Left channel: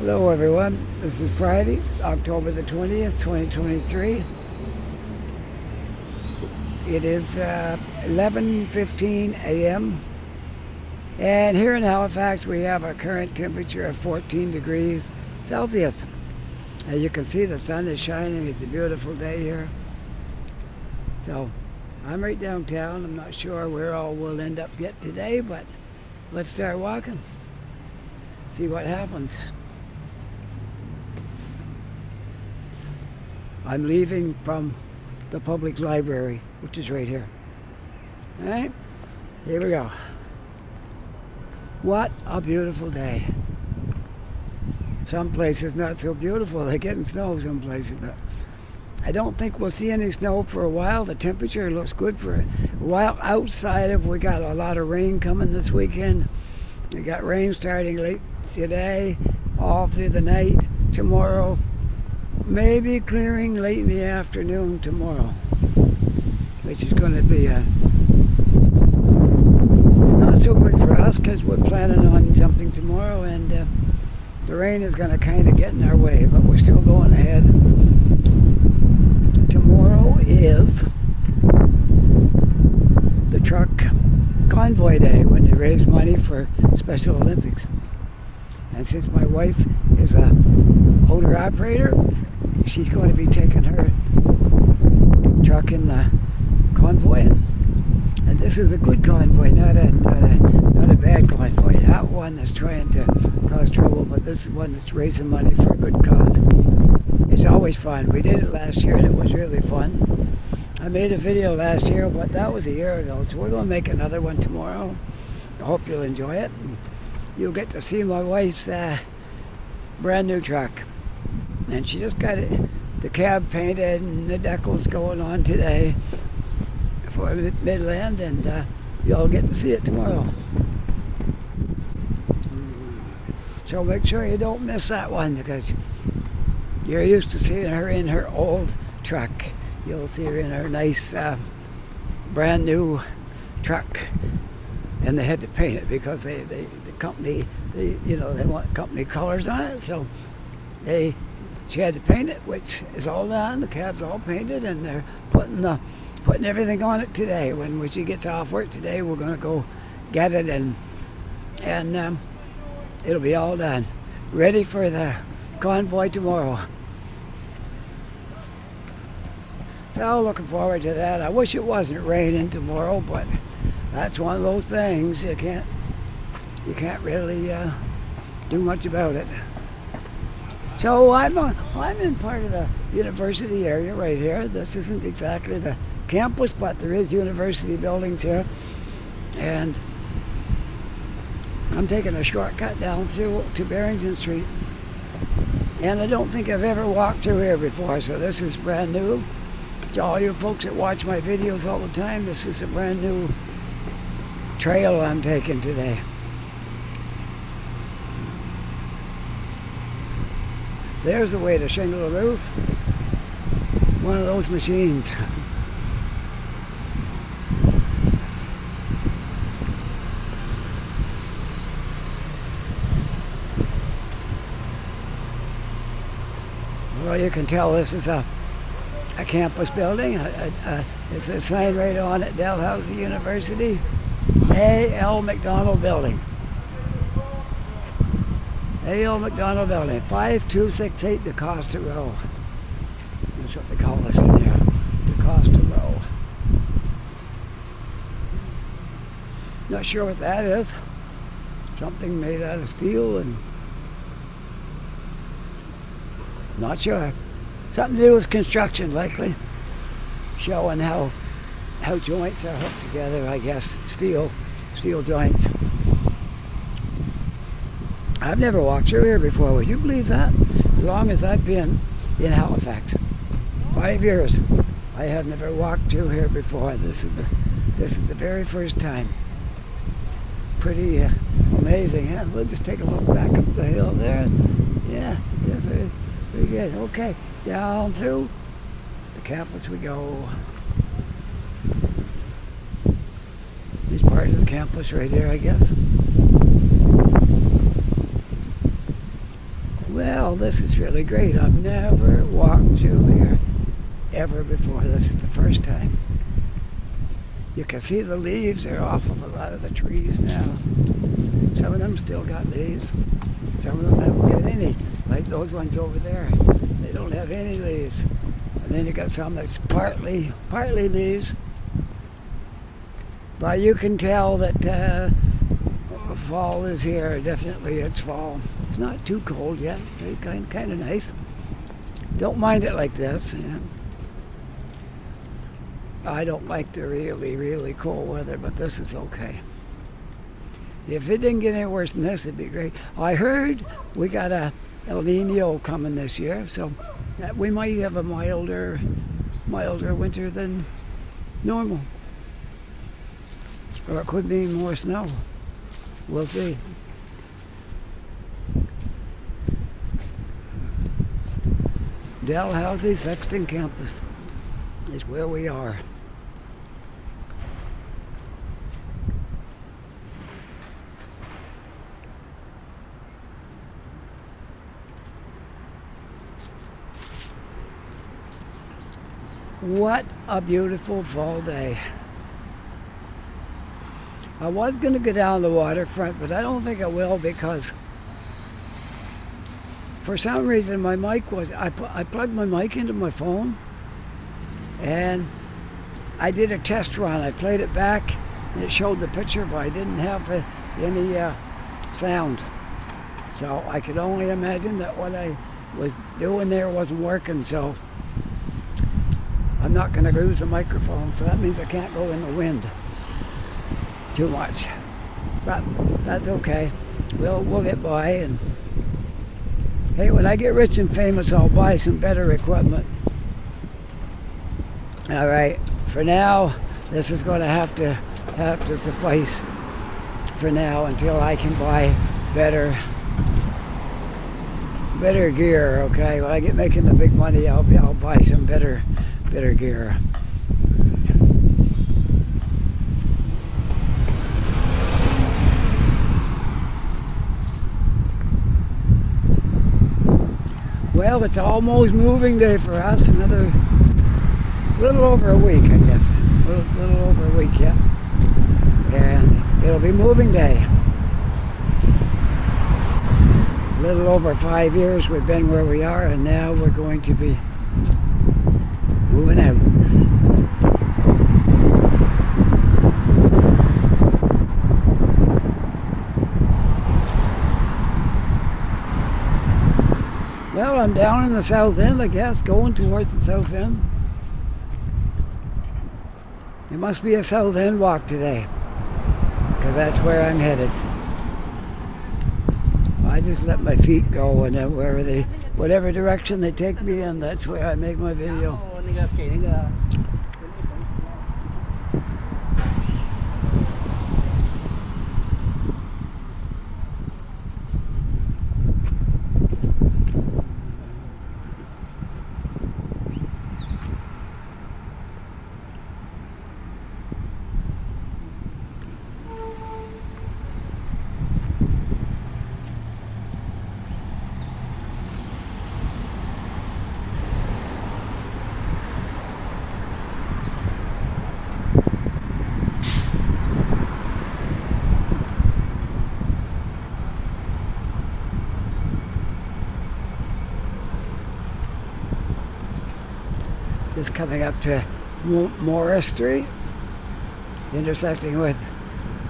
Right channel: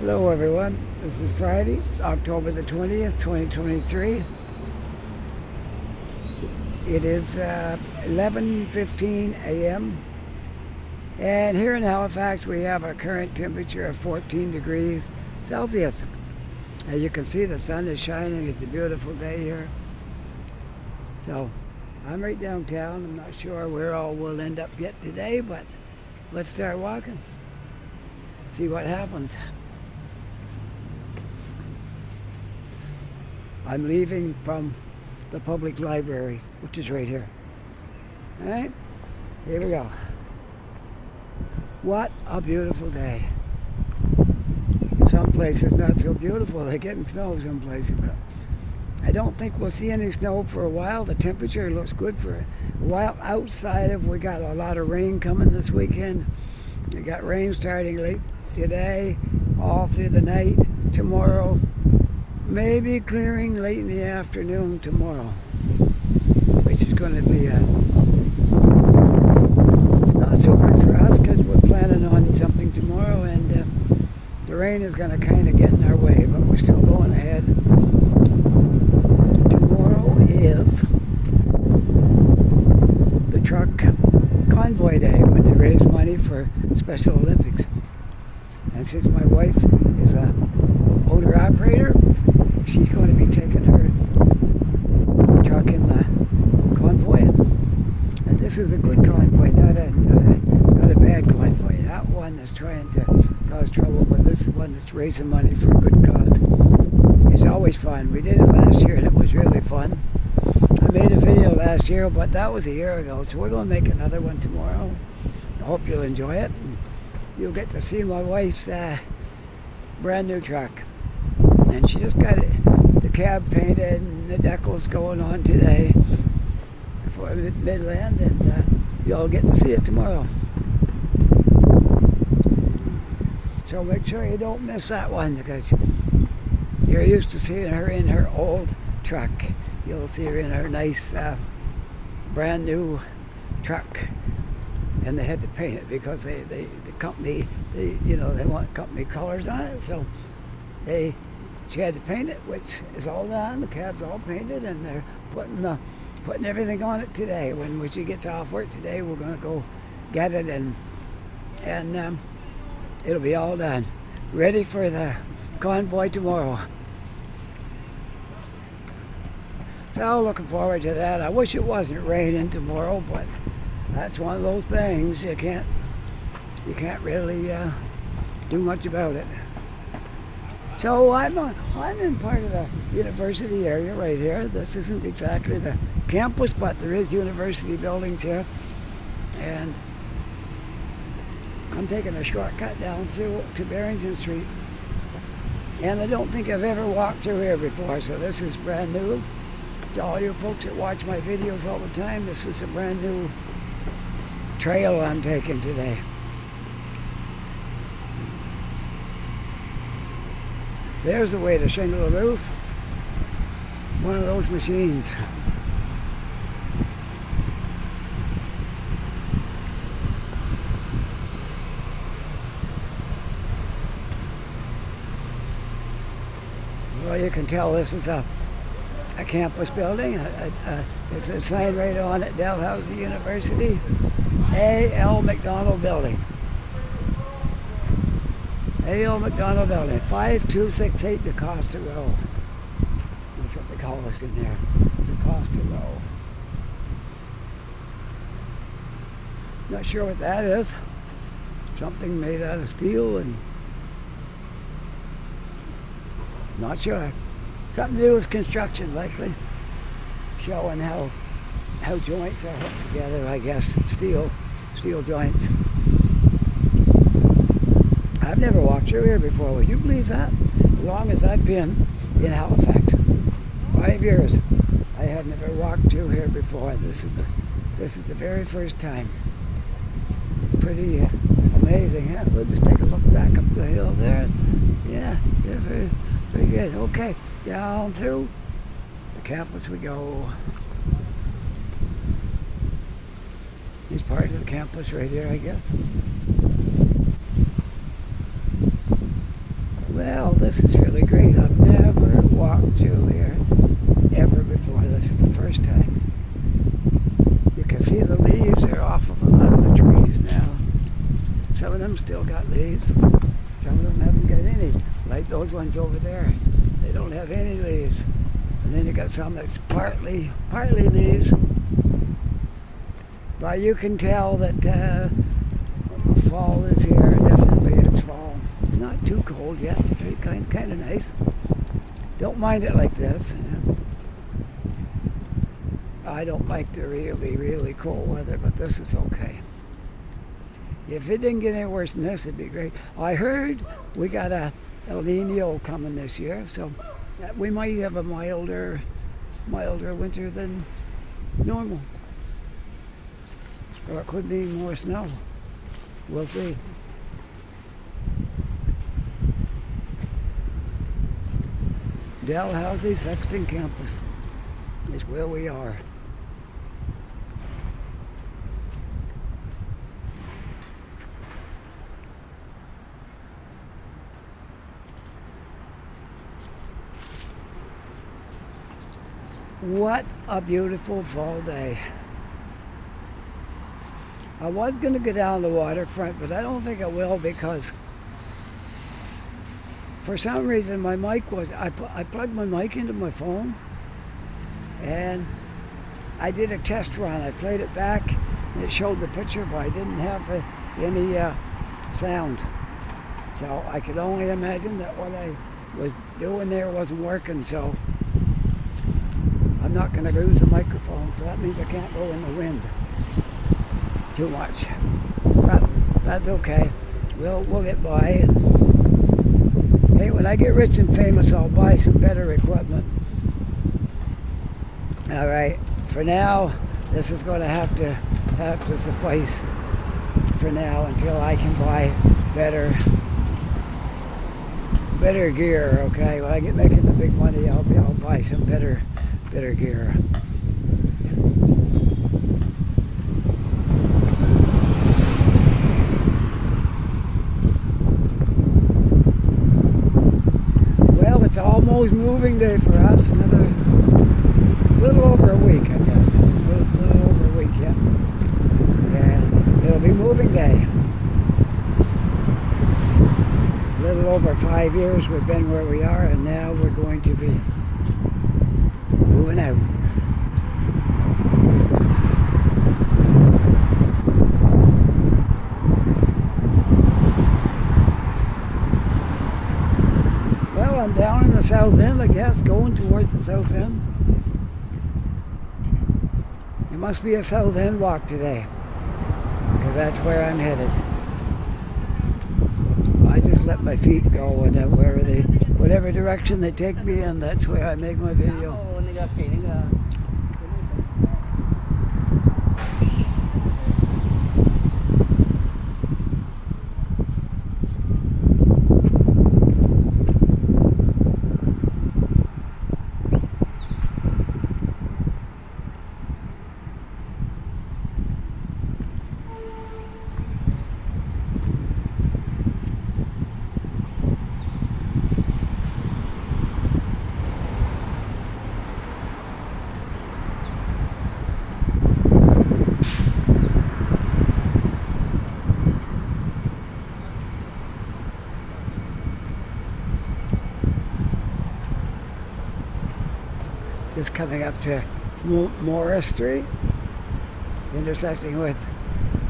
Hello everyone, this is Friday, October the 20th, 2023. It is 11:15 a.m. and here in Halifax we have a current temperature of 14 degrees Celsius. As you can see, the sun is shining. It's a beautiful day here. So I'm right downtown. I'm not sure where all we'll end up yet today, but let's start walking, see what happens. I'm leaving from the public library, which is right here. All right, here we go. What a beautiful day. Some places not so beautiful. They're getting snow some places, but I don't think we'll see any snow for a while. The temperature looks good for a while. Outside of, we got a lot of rain coming this weekend. We got rain starting late today, all through the night, tomorrow. Maybe clearing late in the afternoon tomorrow, which is going to be not so good for us because we're planning on something tomorrow, and the rain is going to kind of get in our way, but we're still going ahead. Tomorrow is the truck convoy day when they raise money for Special Olympics. And since my wife is a owner operator, she's going to be taking her truck in the convoy. And this is a good convoy, not a bad convoy. Not one that's trying to cause trouble, but this is one that's raising money for a good cause. It's always fun. We did it last year and it was really fun. I made a video last year, but that was a year ago, so we're going to make another one tomorrow. I hope you'll enjoy it. You'll get to see my wife's brand new truck. And she just got the cab painted and the decal's going on today for Midland, and you'll get to see it tomorrow. So make sure you don't miss that one, because you're used to seeing her in her old truck. You'll see her in her nice brand new truck. And they had to paint it because the company, they want company colors on it, so she had to paint it, which is all done. The cab's all painted, and they're putting everything on it today. When she gets off work today, we're going to go get it, and it'll be all done, ready for the convoy tomorrow. So looking forward to that. I wish it wasn't raining tomorrow, but that's one of those things you can't really do much about it. So I'm in part of the university area right here. This isn't exactly the campus, but there is university buildings here, and I'm taking a shortcut down through to Barrington Street. And I don't think I've ever walked through here before, so this is brand new. To all you folks that watch my videos all the time, this is a brand new trail I'm taking today. There's a way to shingle a roof. One of those machines. Well, you can tell this is a campus building. It's a sign right on it, Dalhousie University, A.L. McDonald Building. A.L. McDonald Building, 5268 DeCosta Row. That's what they call this in here, DeCosta Row. Not sure what that is. Something made out of steel, and not sure. Something to do with construction, likely. Showing how joints are hooked together, I guess. Steel joints. I've never walked through here before. Would you believe that? As long as I've been in Halifax, 5 years, I have never walked through here before. This is the very first time. Pretty amazing, huh? We'll just take a look back up the hill there. Yeah, very, very good. Okay, down through the campus we go. These parts of the campus right here, I guess. Well, this is really great. I've never walked through here ever before. This is the first time. You can see the leaves are off of a lot of the trees now. Some of them still got leaves. Some of them haven't got any. Like those ones over there. They don't have any leaves. And then you got some that's partly leaves. But you can tell that fall is here. Definitely it's fall. It's not too cold yet. Very kind of nice. Don't mind it like this. Yeah. I don't like the really cold weather, but this is okay. If it didn't get any worse than this, it'd be great. I heard we got a El Nino coming this year, so that we might have a milder winter than normal. Or it could mean more snow. We'll see. Dalhousie Sexton Campus is where we are. What a beautiful fall day. I was going to go down the waterfront, but I don't think I will because for some reason my mic was, I plugged my mic into my phone and I did a test run. I played it back and it showed the picture, but I didn't have any sound. So I could only imagine that what I was doing there wasn't working, so I'm not going to lose the microphone, so that means I can't go in the wind too much. But that's okay. We'll get by. Hey, when I get rich and famous, I'll buy some better equipment. All right. For now, this is going to have to suffice for now until I can buy better gear. Okay. When I get making the big money, I'll buy some better gear. Well, it's almost moving day for us. Another little over a week, I guess. Little over a week, yeah. And it'll be moving day. A little over 5 years we've been where we are, and now we're going to be moving out. Well, I'm down in the south end, I guess, going towards the south end. There must be a south end walk today, because that's where I'm headed. I just let my feet go, and then whatever direction they take me in, that's where I make my video. Just coming up to Morris Street, intersecting with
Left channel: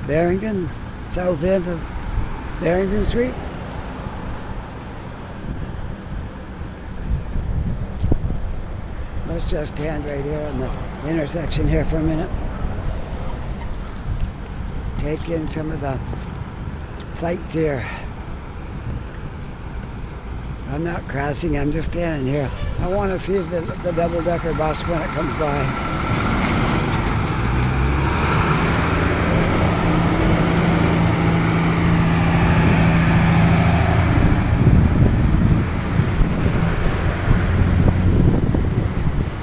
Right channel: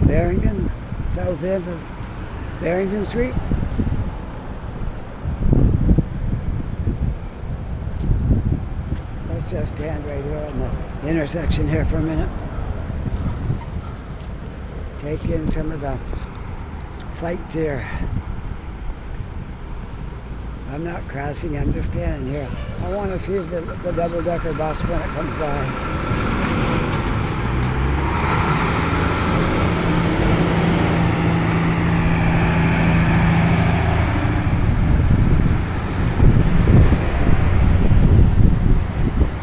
Barrington, south end of Barrington Street. Let's just stand right here on the intersection here for a minute. Take in some of the sights here. I'm not crossing, I'm just standing here. I want to see the double-decker bus when it comes by.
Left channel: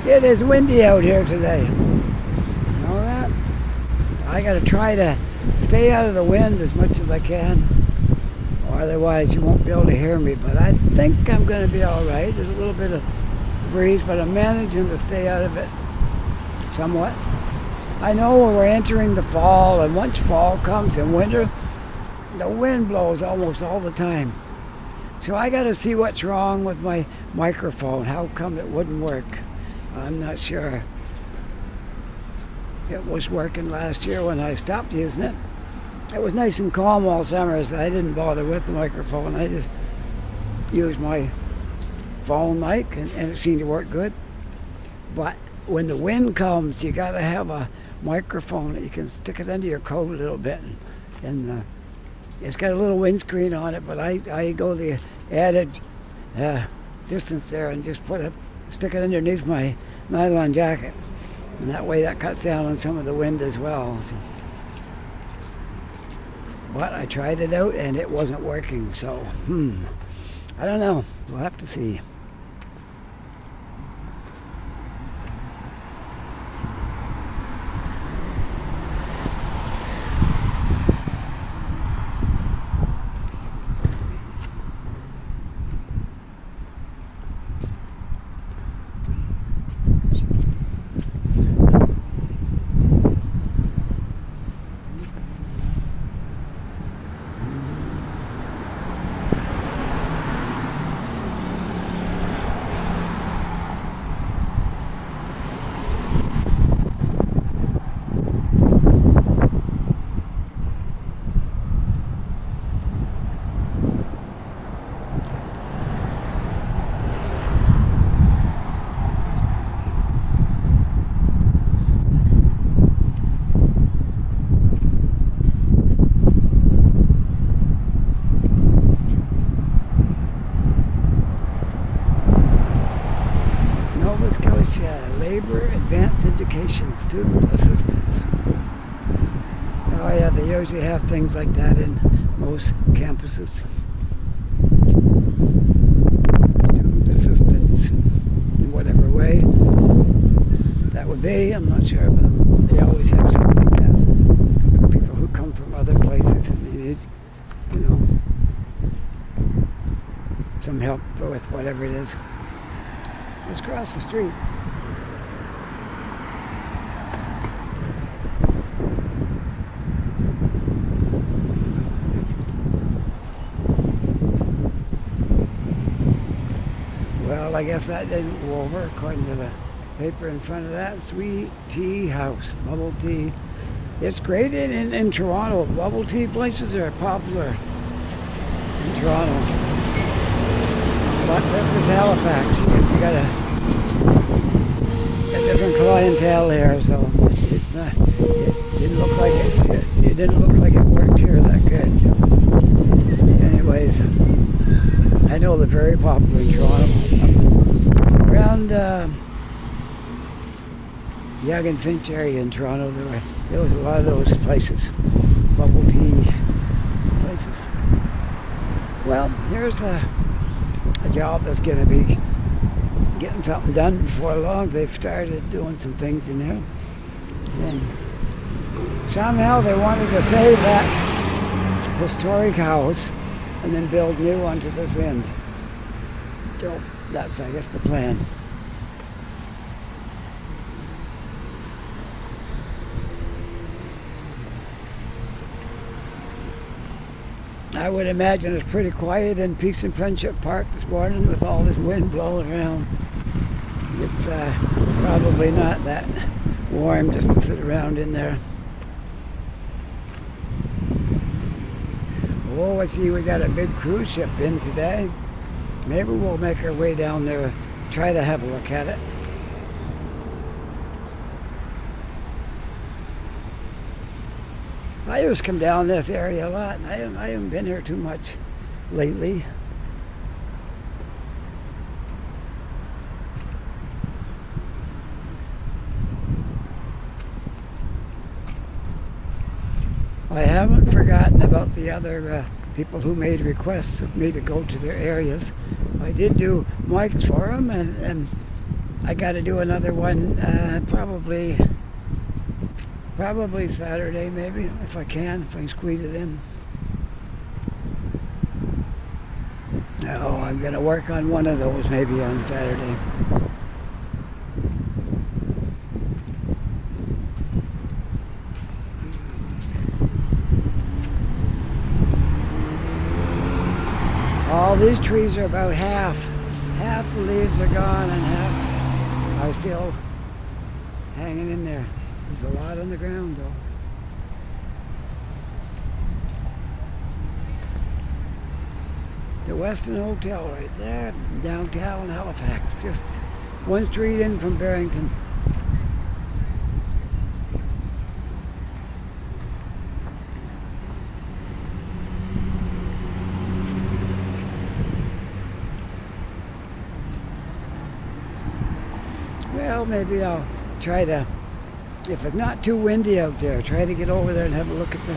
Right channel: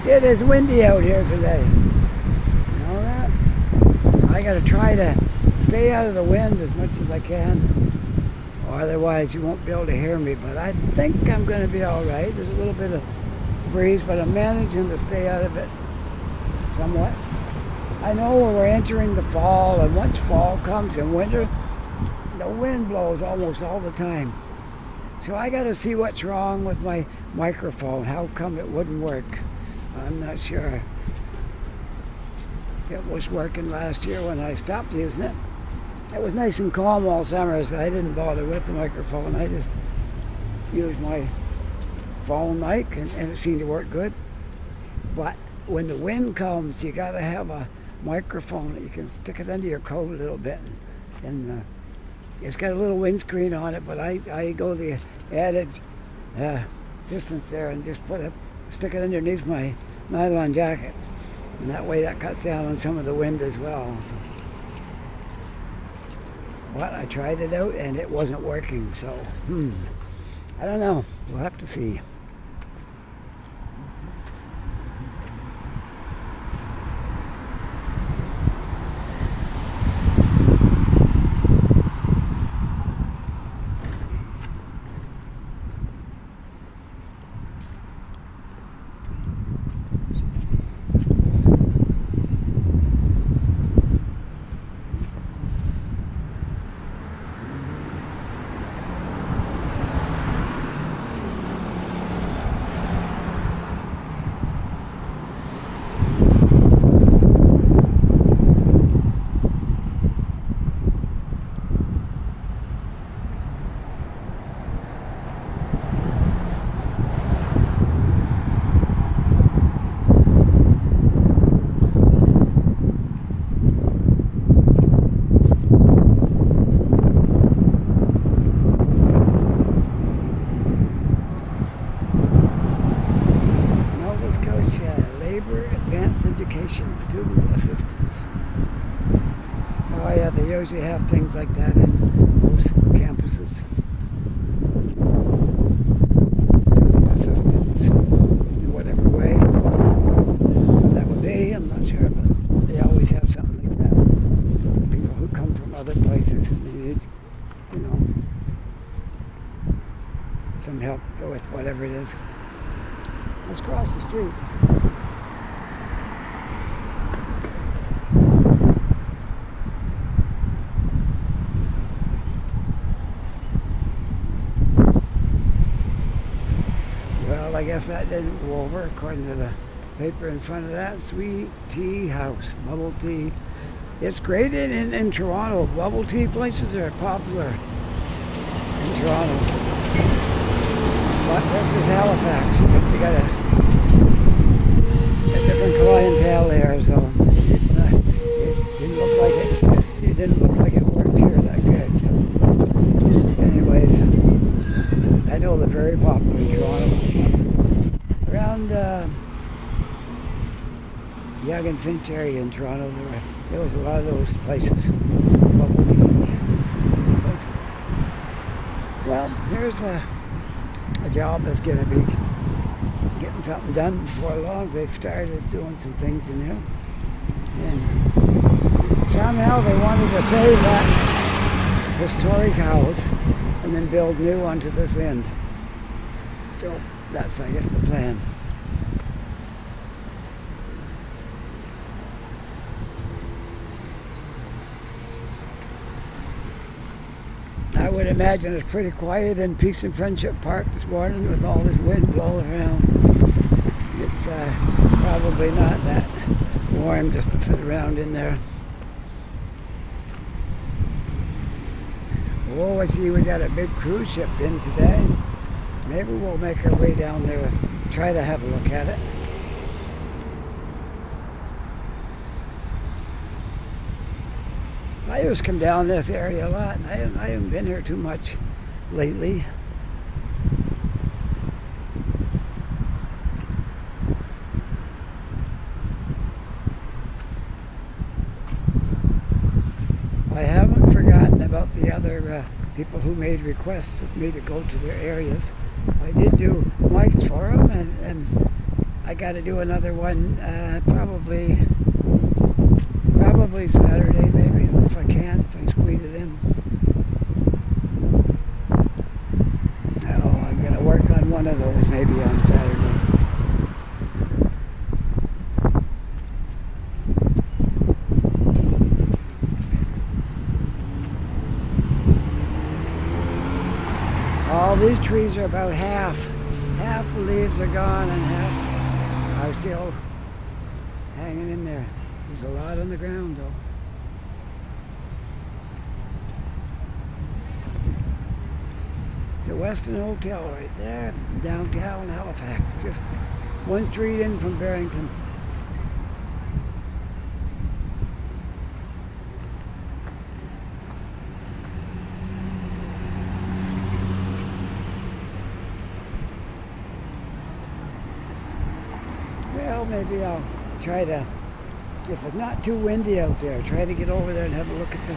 It is windy out here today. You know that? I got to try to stay out of the wind as much as I can. or otherwise you won't be able to hear me. But I think I'm going to be all right. There's a little bit of breeze, but I'm managing to stay out of it somewhat. I know we're entering the fall, and once fall comes in winter, the wind blows almost all the time. So I got to see what's wrong with my microphone. How come it wouldn't work? I'm not sure. It was working last year when I stopped using it. It was nice and calm all summer, so I didn't bother with the microphone. I just used my phone mic, and it seemed to work good. But when the wind comes, you got to have a microphone that you can stick it under your coat a little bit. And it's got a little windscreen on it, but I go the added distance there and just stick it underneath my nylon jacket. And that way that cuts down on some of the wind as well. So. But I tried it out and it wasn't working, so I don't know. We'll have to see. Nova Scotia Labour Advanced Education Student Assistance. Oh yeah, they usually have things like that in most campuses. Student assistance in whatever way that would be, I'm not sure, but they always have something like that for people who come from other places and they need, some help with whatever it is. Let's cross the street. Well, I guess that didn't go over according to the paper in front of that. Sweet Tea House, bubble tea. It's great in Toronto. Bubble tea places are popular in Toronto. But this is Halifax, because you got a different clientele here, so it's not. It didn't look like it worked here that good. So. Anyways, I know they're very popular in Toronto. Around Yonge and Finch area in Toronto, there was a lot of those places, bubble tea places. Well, here's a job that's going to be getting something done before long. They've started doing some things, and somehow they wanted to save that historic house and then build new onto this end. So that's, I guess, the plan. I would imagine it's pretty quiet in Peace and Friendship Park this morning with all this wind blowing around. It's probably not that warm just to sit around in there. Oh, I see we got a big cruise ship in today. Maybe we'll make our way down there, try to have a look at it. I used to come down this area a lot, and I haven't been here too much lately. I haven't forgotten about the other people who made requests of me to go to their areas. I did do mics for them, and I got to do another one probably Saturday, maybe, if I can squeeze it in. I'm going to work on one of those maybe on Saturday. All these trees are about half the leaves are gone and half are still hanging in there. There's a lot on the ground though. The Westin Hotel right there, downtown Halifax, just one street in from Barrington. Well, maybe I'll try to, if it's not too windy out there, try to get over there and have a look at the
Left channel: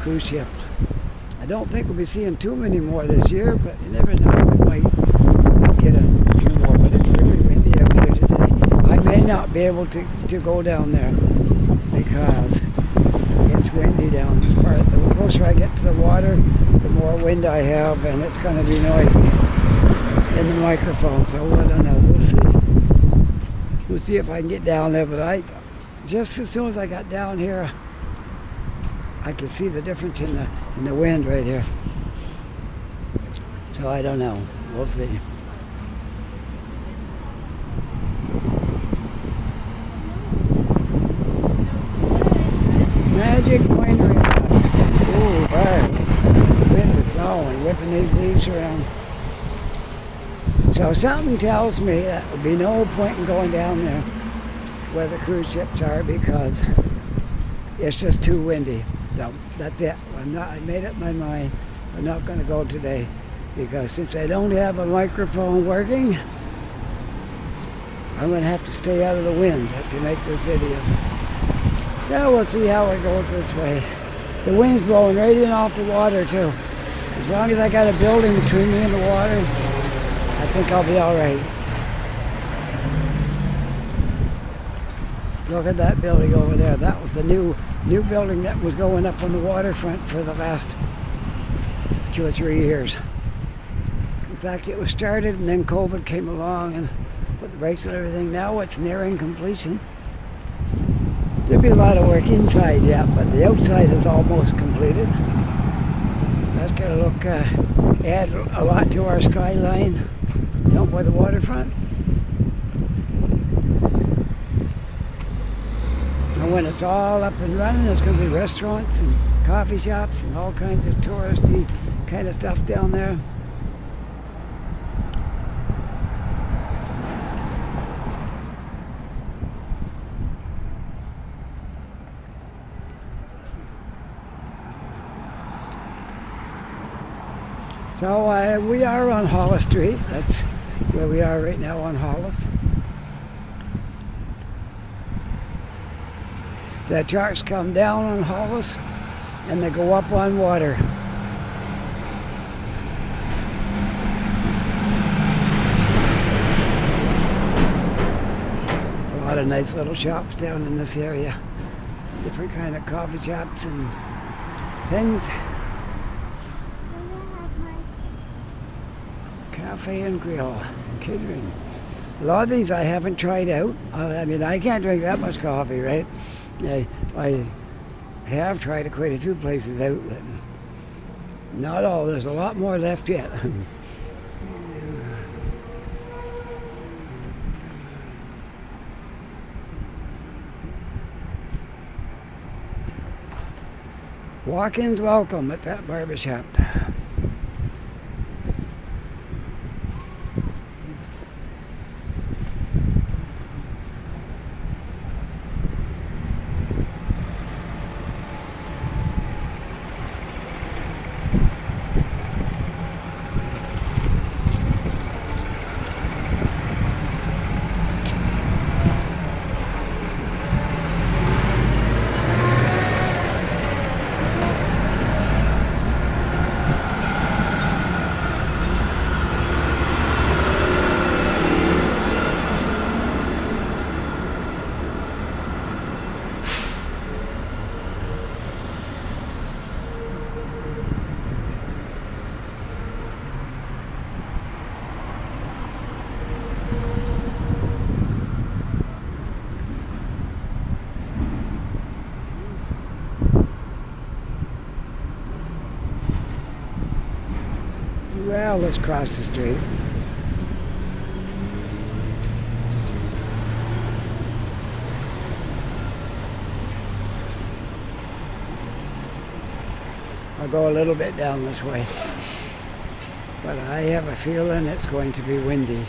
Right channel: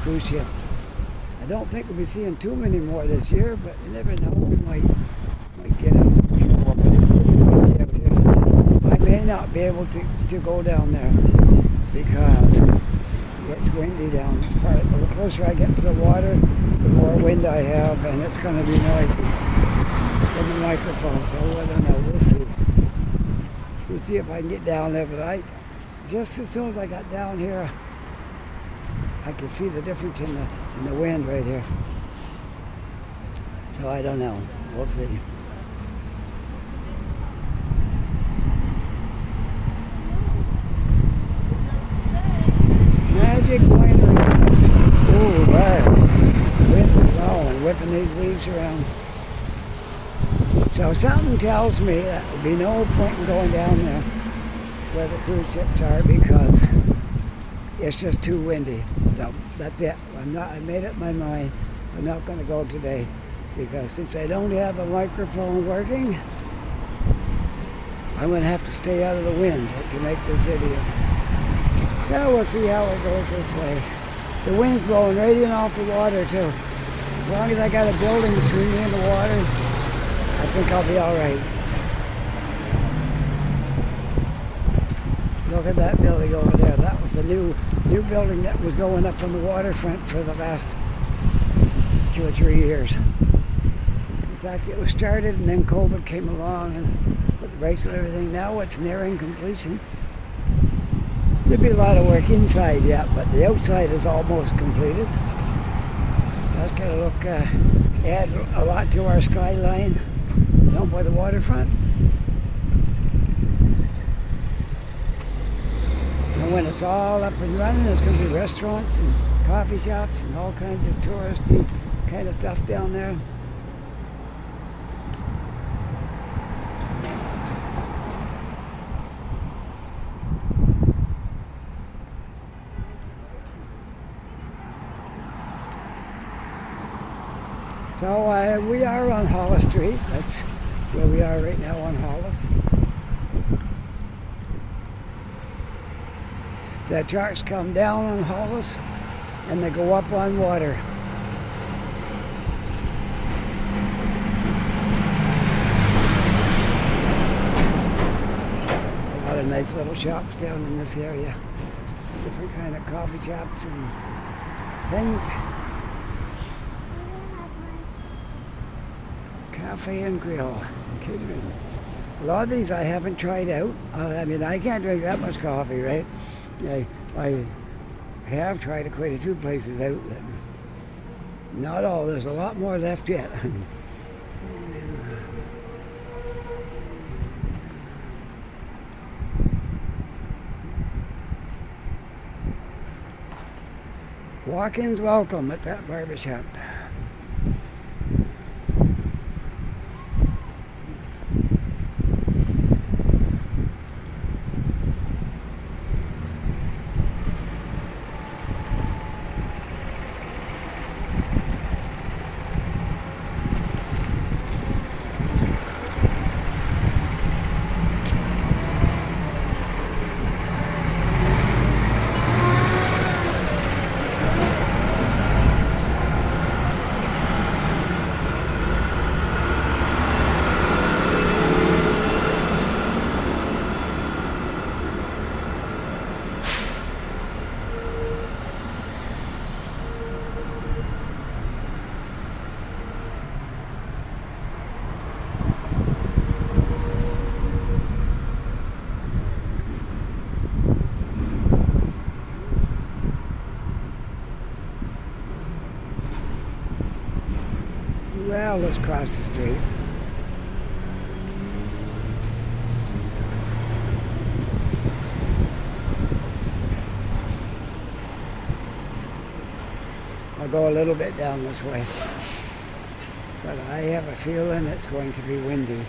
cruise ship. I don't think we'll be seeing too many more this year, but you never know. We might get a few more. But it's really windy up here today. I may not be able to go down there because it's windy down this part. The closer I get to the water, the more wind I have, and it's going to be noisy in the microphone. So I don't know. We'll see. We'll see if I can get down there. But just as soon as I got down here, I could see the difference in the wind right here. So I don't know. We'll see. Magic winery. Ooh, wow. The wind is blowing, whipping these leaves around. So something tells me that there'll be no point in going down there where the cruise ships are because it's just too windy. So that's it. I made up my mind. I'm not going to go today because since I don't have a microphone working, I'm going to have to stay out of the wind to make this video. So we'll see how it goes this way. The wind's blowing right in off the water too. As long as I got a building between me and the water, I think I'll be all right. Look at that building over there. That was the new building that was going up on the waterfront for the last 2 or 3 years. In fact, it was started and then COVID came along and put the brakes on everything. Now it's nearing completion. There'll be a lot of work inside yet, but the outside is almost completed. That's going to look, add a lot to our skyline down by the waterfront. And when it's all up and running, there's going to be restaurants and coffee shops and all kinds of touristy kind of stuff down there. So we are on Hollis Street. That's where we are right now on Hollis. The trucks come down on Hollis and they go up on water. A lot of nice little shops down in this area. Different kind of coffee shops and things. Cafe and grill. Kidding. A lot of these I haven't tried out. I mean, I can't drink that much coffee, right? I have tried quite a few places out, but not all. There's a lot more left yet. Walk-ins welcome at that barbershop. Now let's cross the street. I'll go a little bit down this way. But I have a feeling it's going to be windy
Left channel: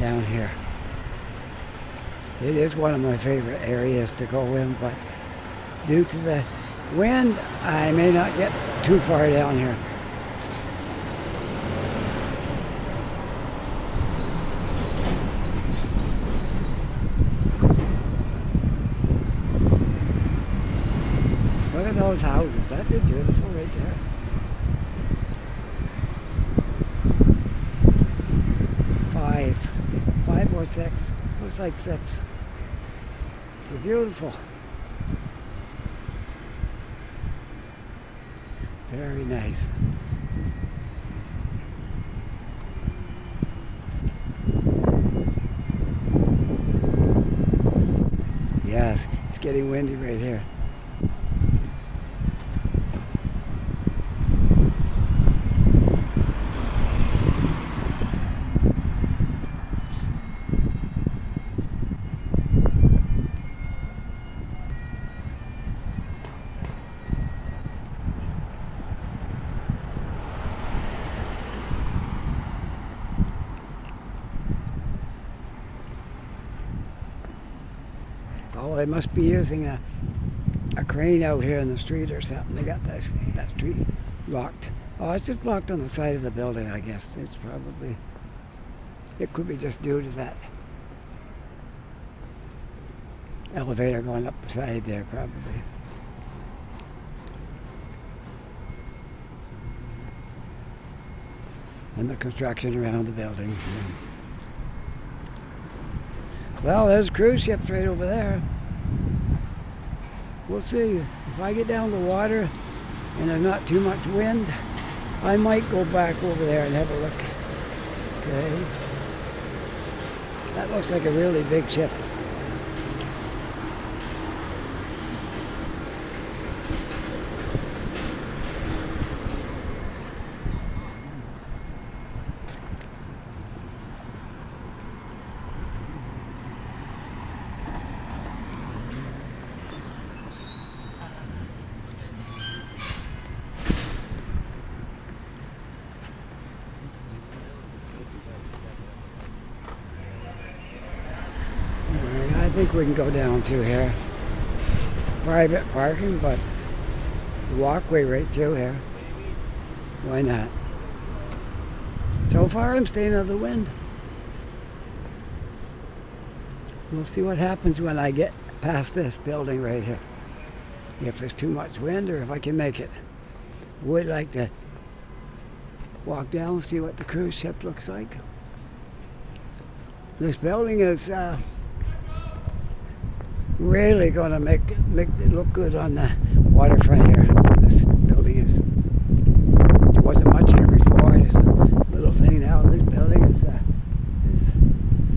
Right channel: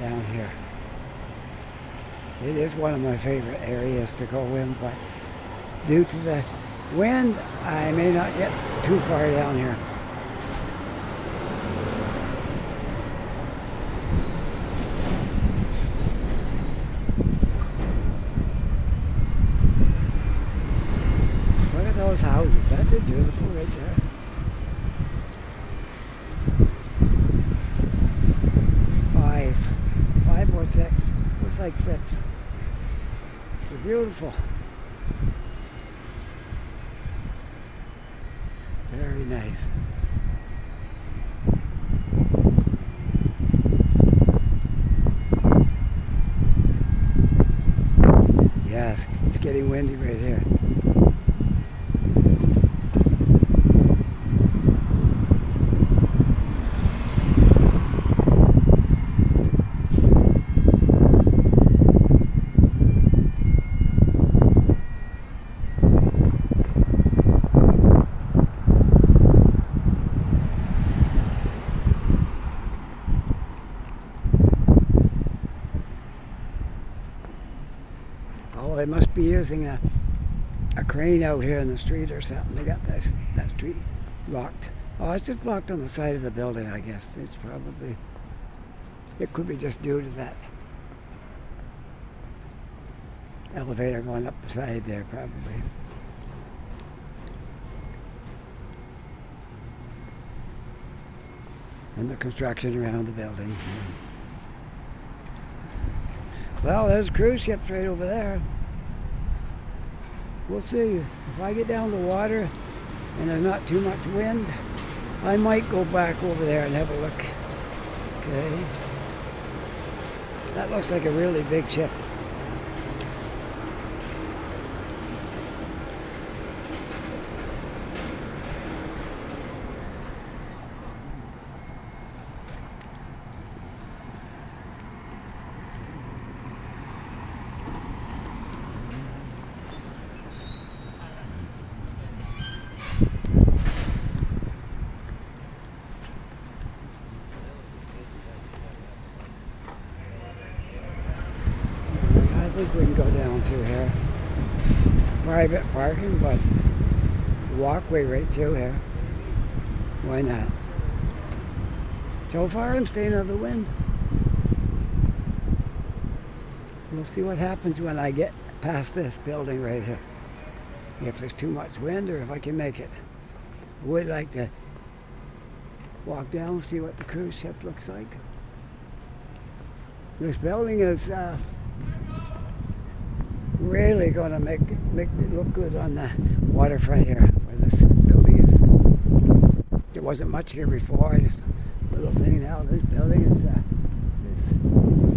down here. It is one of my favorite areas to go in, but due to the wind, I may not get too far down here. Look at those houses. That is beautiful right there. Five or six. Looks like six. They're beautiful. Very nice. Yes, it's getting windy right here. Oh, they must be using a crane out here in the street or something. They got that street blocked. Oh, it's just blocked on the side of the building, I guess. It could be just due to that elevator going up the side there, probably. And the construction around the building. Yeah. Well, there's cruise ships right over there. We'll see. If I get down the water and there's not too much wind, I might go back over there and have a look. Okay. That looks like a really big ship. I think we can go down through here. Private parking, but the walkway right through here. Why not? So far I'm staying out of the wind. We'll see what happens when I get past this building right here. If there's too much wind or if I can make it. I would like to walk down and see what the cruise ship looks like. This building is really going to make it look good on the waterfront here. This building is. There wasn't much here before. This little thing now. This building is.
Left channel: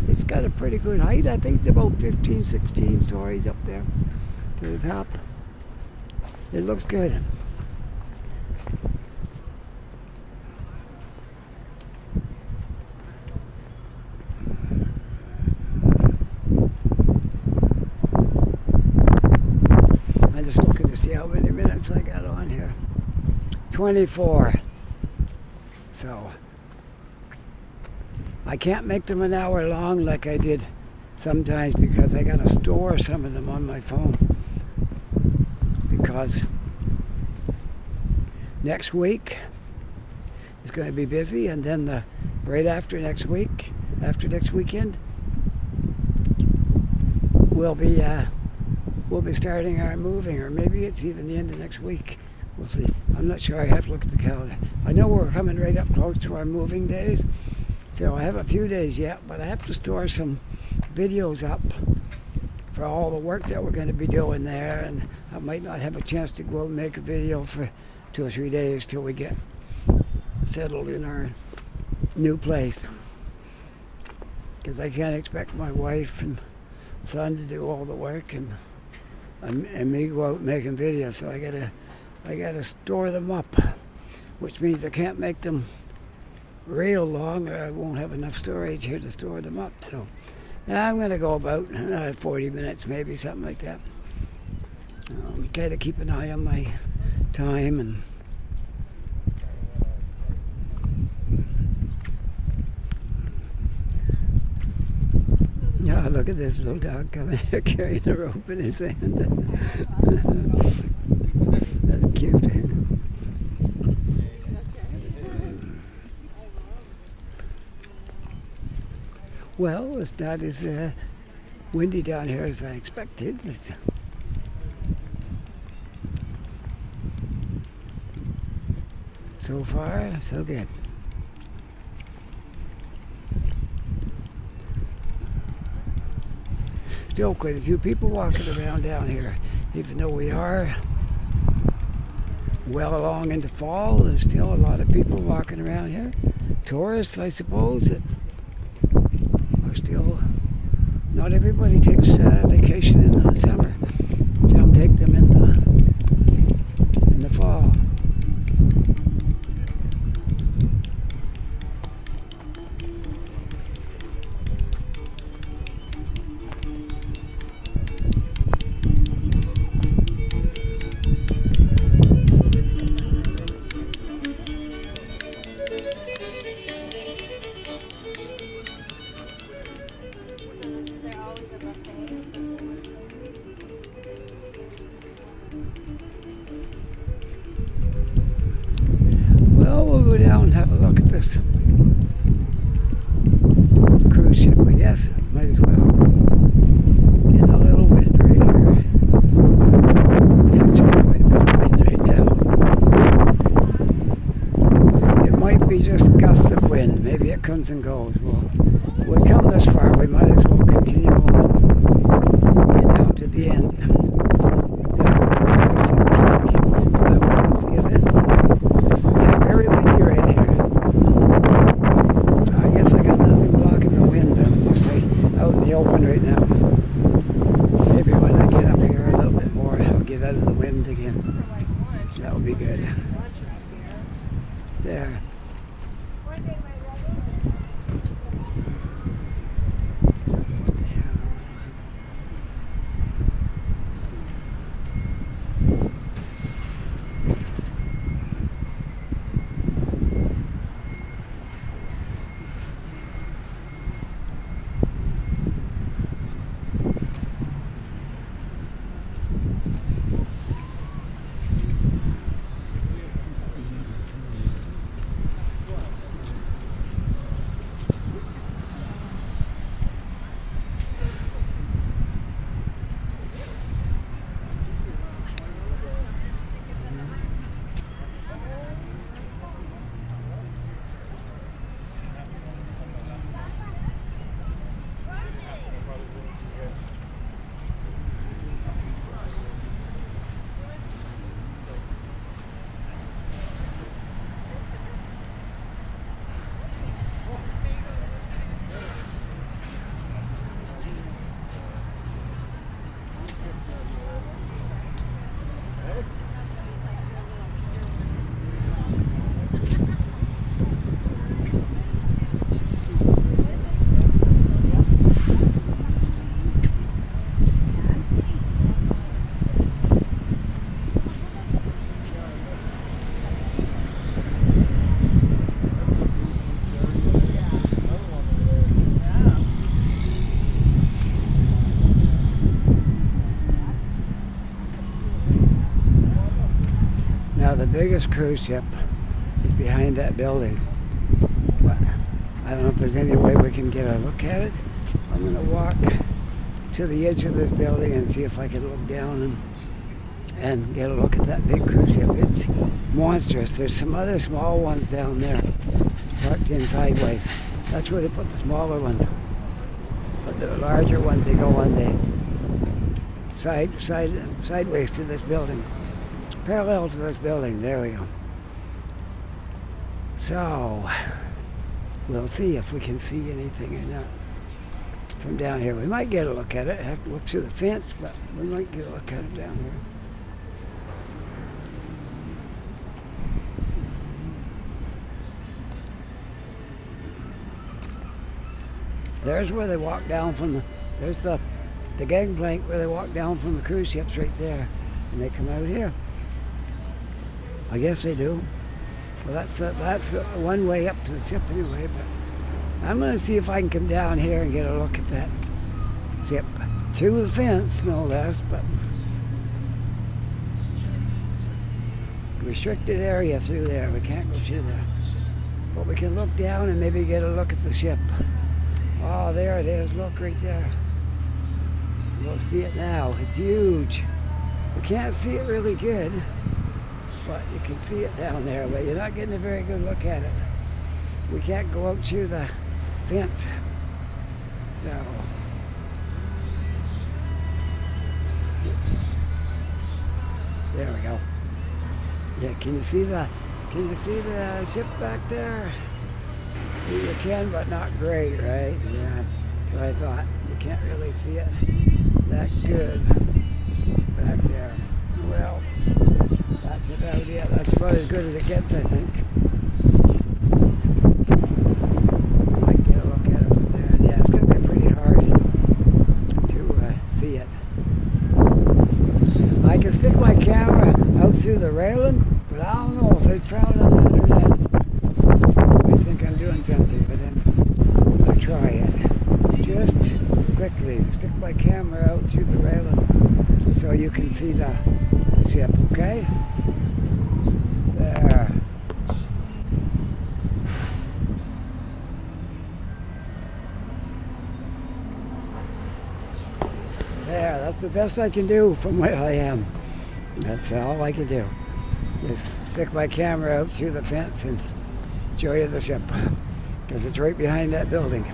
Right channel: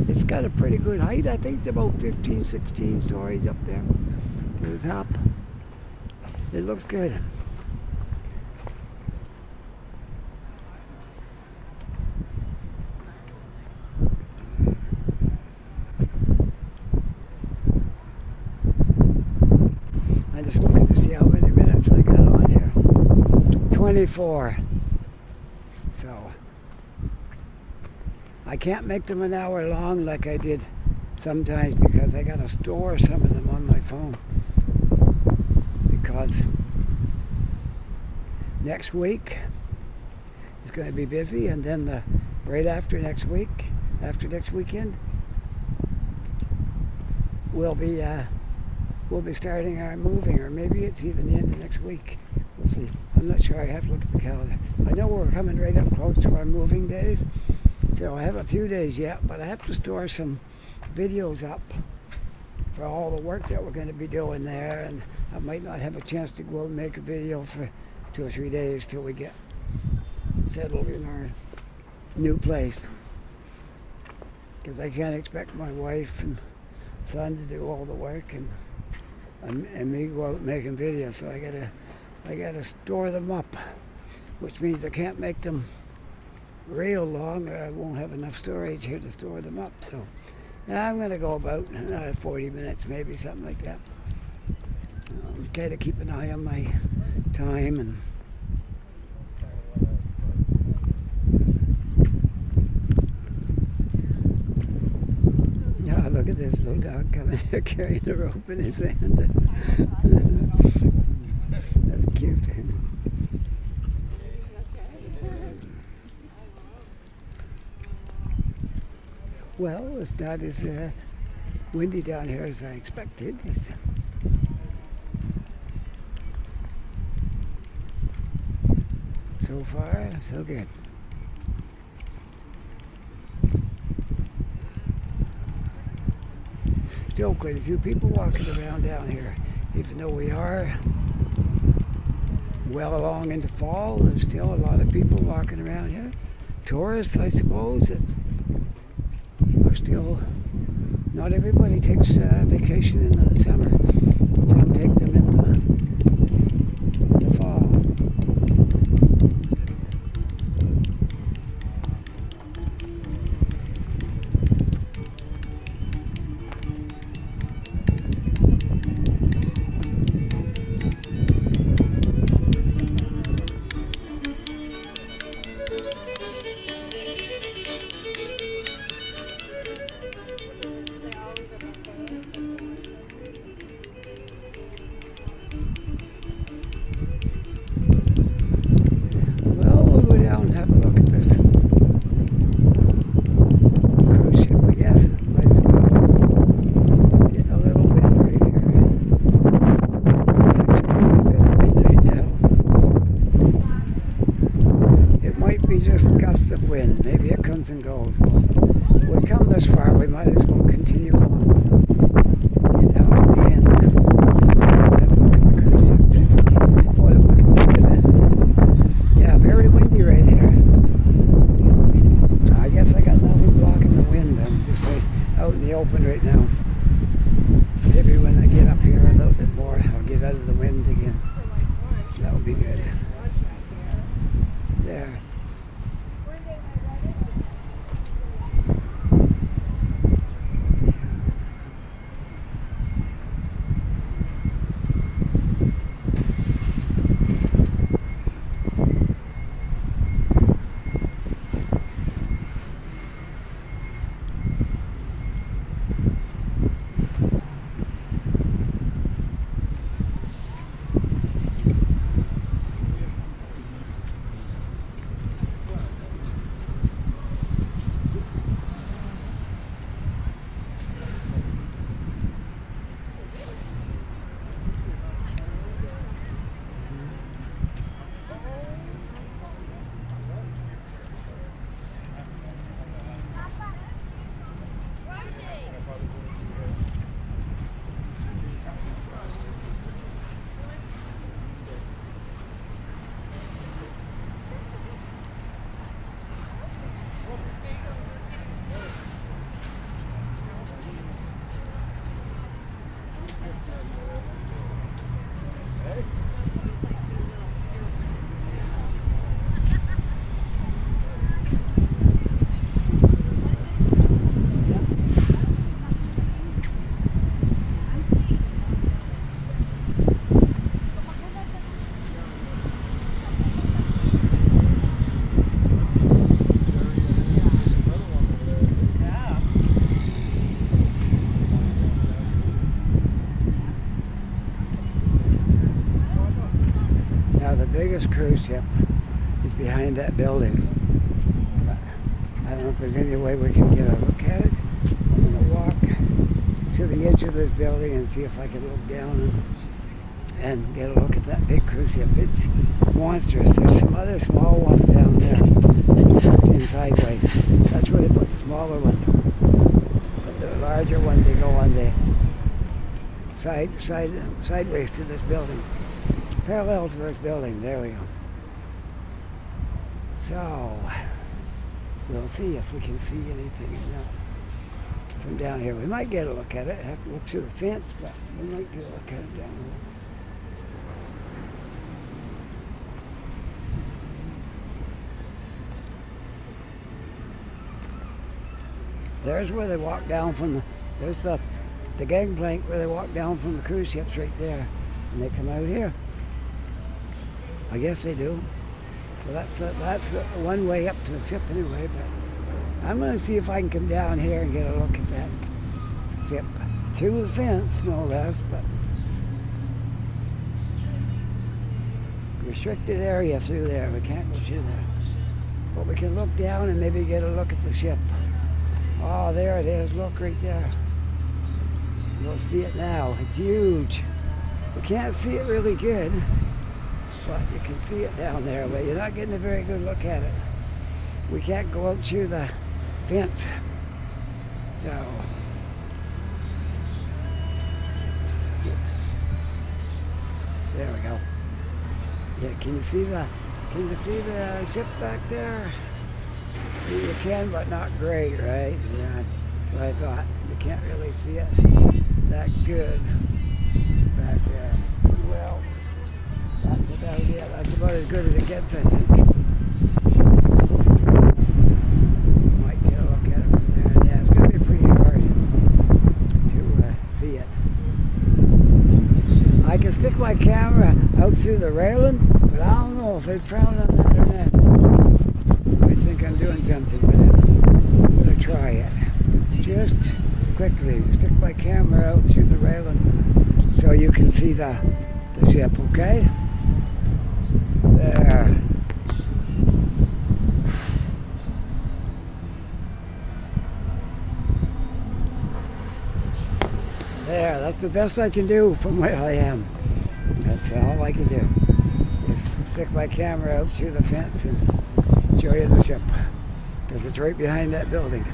It's got a pretty good height. I think it's about 15, 16 stories up there to the top. It looks good. I'm just looking to see how many minutes I got on here. 24. So I can't make them an hour long like I did sometimes because I got to store some of them on my phone. Because next week is going to be busy, and then right after next week, after next weekend, we'll be starting our moving, or maybe it's even the end of next week. We'll see. I'm not sure. I have to look at the calendar. I know we're coming right up close to our moving days, so I have a few days yet, but I have to store some videos up for all the work that we're going to be doing there, and I might not have a chance to go and make a video for 2 or 3 days till we get settled in our new place. Because I can't expect my wife and son to do all the work and me go out making videos, so I gotta store them up, which means I can't make them real long, or I won't have enough storage here to store them up. So I'm going to go about 40 minutes, maybe something like that. Try to keep an eye on my time and. Yeah, look at this little dog coming here carrying the rope in his hand. That's cute. Well, it's not as windy down here as I expected. So far, so good. Still quite a few people walking around down here, even though we are well along into fall. There's still a lot of people walking around here. Tourists, I suppose, that are still. Not everybody takes vacation in the summer. Some take them in the fall. Go down and have a look at this cruise ship, I guess. Might as well. Getting a little wind right here. Actually, a bit of wind right now. It might be just gusts of wind. Maybe it comes and goes. Well, we come this far, we might as well continue on. Get down to the end. Very windy right here. I guess I got nothing blocking the wind. I'm just out in the open right now. Maybe when I get up here a little bit more, I'll get out of the wind again. That'll be good. There. Now the biggest cruise ship is behind that building. But I don't know if there's any way we can get a look at it. I'm going to walk to the edge of this building and see if I can look down and get a look at that big cruise ship. It's monstrous. There's some other small ones down there tucked in sideways. That's where they put the smaller ones. But the larger ones, they go on the sideways to this building. Parallel to this building. There we go. So we'll see if we can see anything in that from down here. We might get a look at it. Have to look through the fence, but we might get a look at it down here. There's where they walk down from there's the gangplank where they walk down from the cruise ships right there. And they come out here. I guess they do. Well, that's the one way up to the ship anyway, but I'm going to see if I can come down here and get a look at that ship. Through the fence, no less, but restricted area through there. We can't go through there. But we can look down and maybe get a look at the ship. Oh, there it is. Look right there. You'll see it now. It's huge. You can't see it really good, but you can see it down there, but you're not getting a very good look at it. We can't go out through the fence. So, there we go. Yeah, can you see the ship back there? You can, but not great, right? Yeah, that's what I thought. You can't really see it that good back there. Well, that's about it. That's about as good as it gets, I think. Might get a look at it from there. Yeah, it's going to be pretty hard to see it. I can stick my camera out through the railing, but I don't know if they found on the internet. I think I'm doing something with it. I'm going to try it. Just quickly, stick my camera out through the railing so you can see the ship, okay? There. There, that's the best I can do from where I am. That's all I can do. Just stick my camera out through the fence and show you the ship. Because it's right behind that building.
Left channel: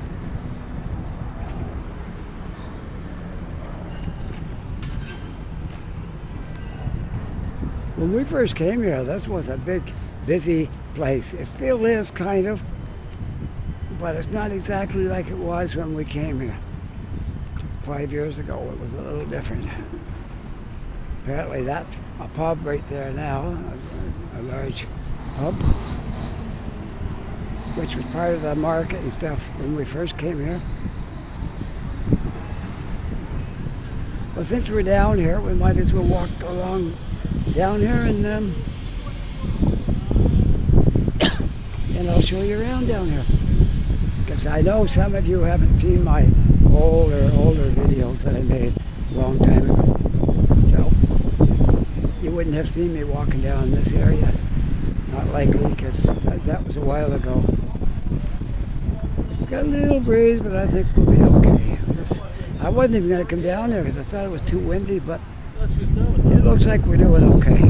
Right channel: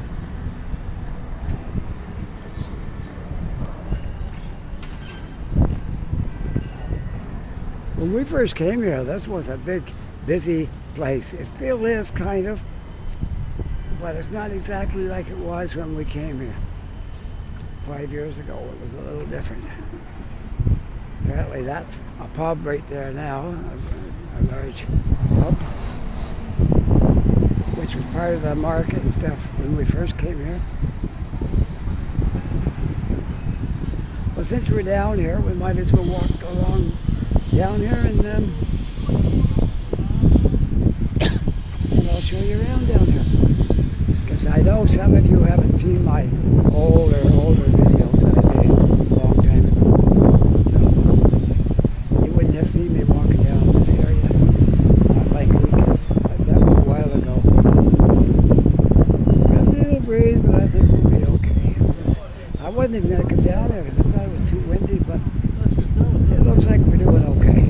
When we first came here, this was a big, busy place. It still is, kind of, but it's not exactly like it was when we came here. 5 years ago, it was a little different. Apparently that's a pub right there now, a large pub, which was part of the market and stuff when we first came here. Well, since we're down here, we might as well walk along down here and I'll show you around down here. Because I know some of you haven't seen my older videos that I made a long time ago. So you wouldn't have seen me walking down this area. Not likely, because that was a while ago. Got a little breeze, but I think we'll be okay. I wasn't even going to come down there because I thought it was too windy, but it looks like we're doing okay.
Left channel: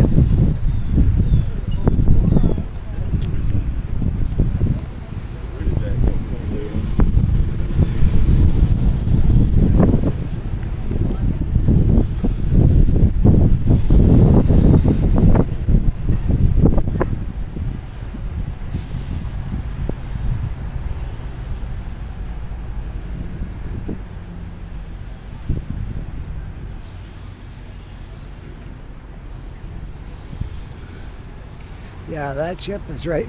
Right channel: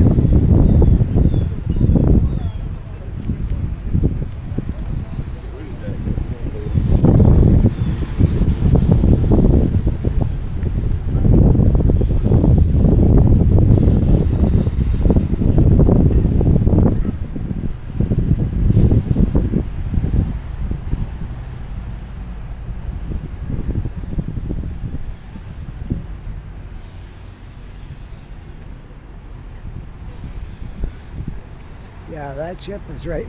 Yeah, that ship is right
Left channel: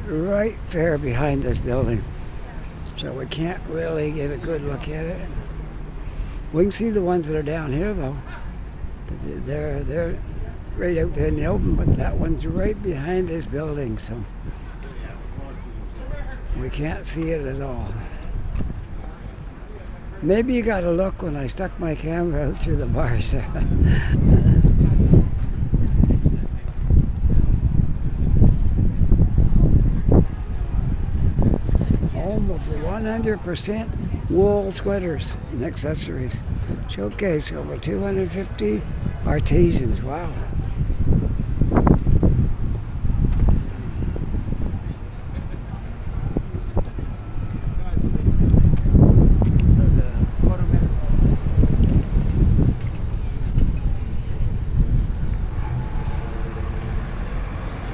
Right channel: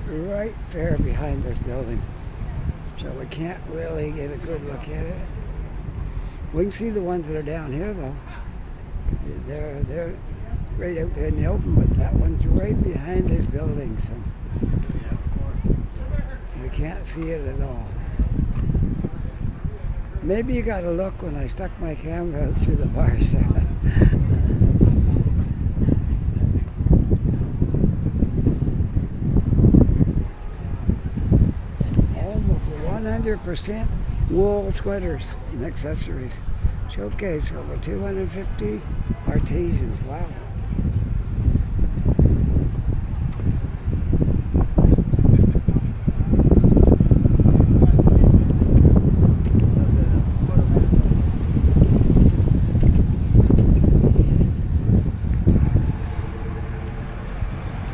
there behind this building. So we can't really get a good look at it. We can see the ones that are down here though. They're right out there in the open, but that one's right behind this building, so we can't see it at all. Maybe you got a look when I stuck my camera out through the bars. Almost 100% wool sweaters and accessories. Showcase over 250 artisans. Wow.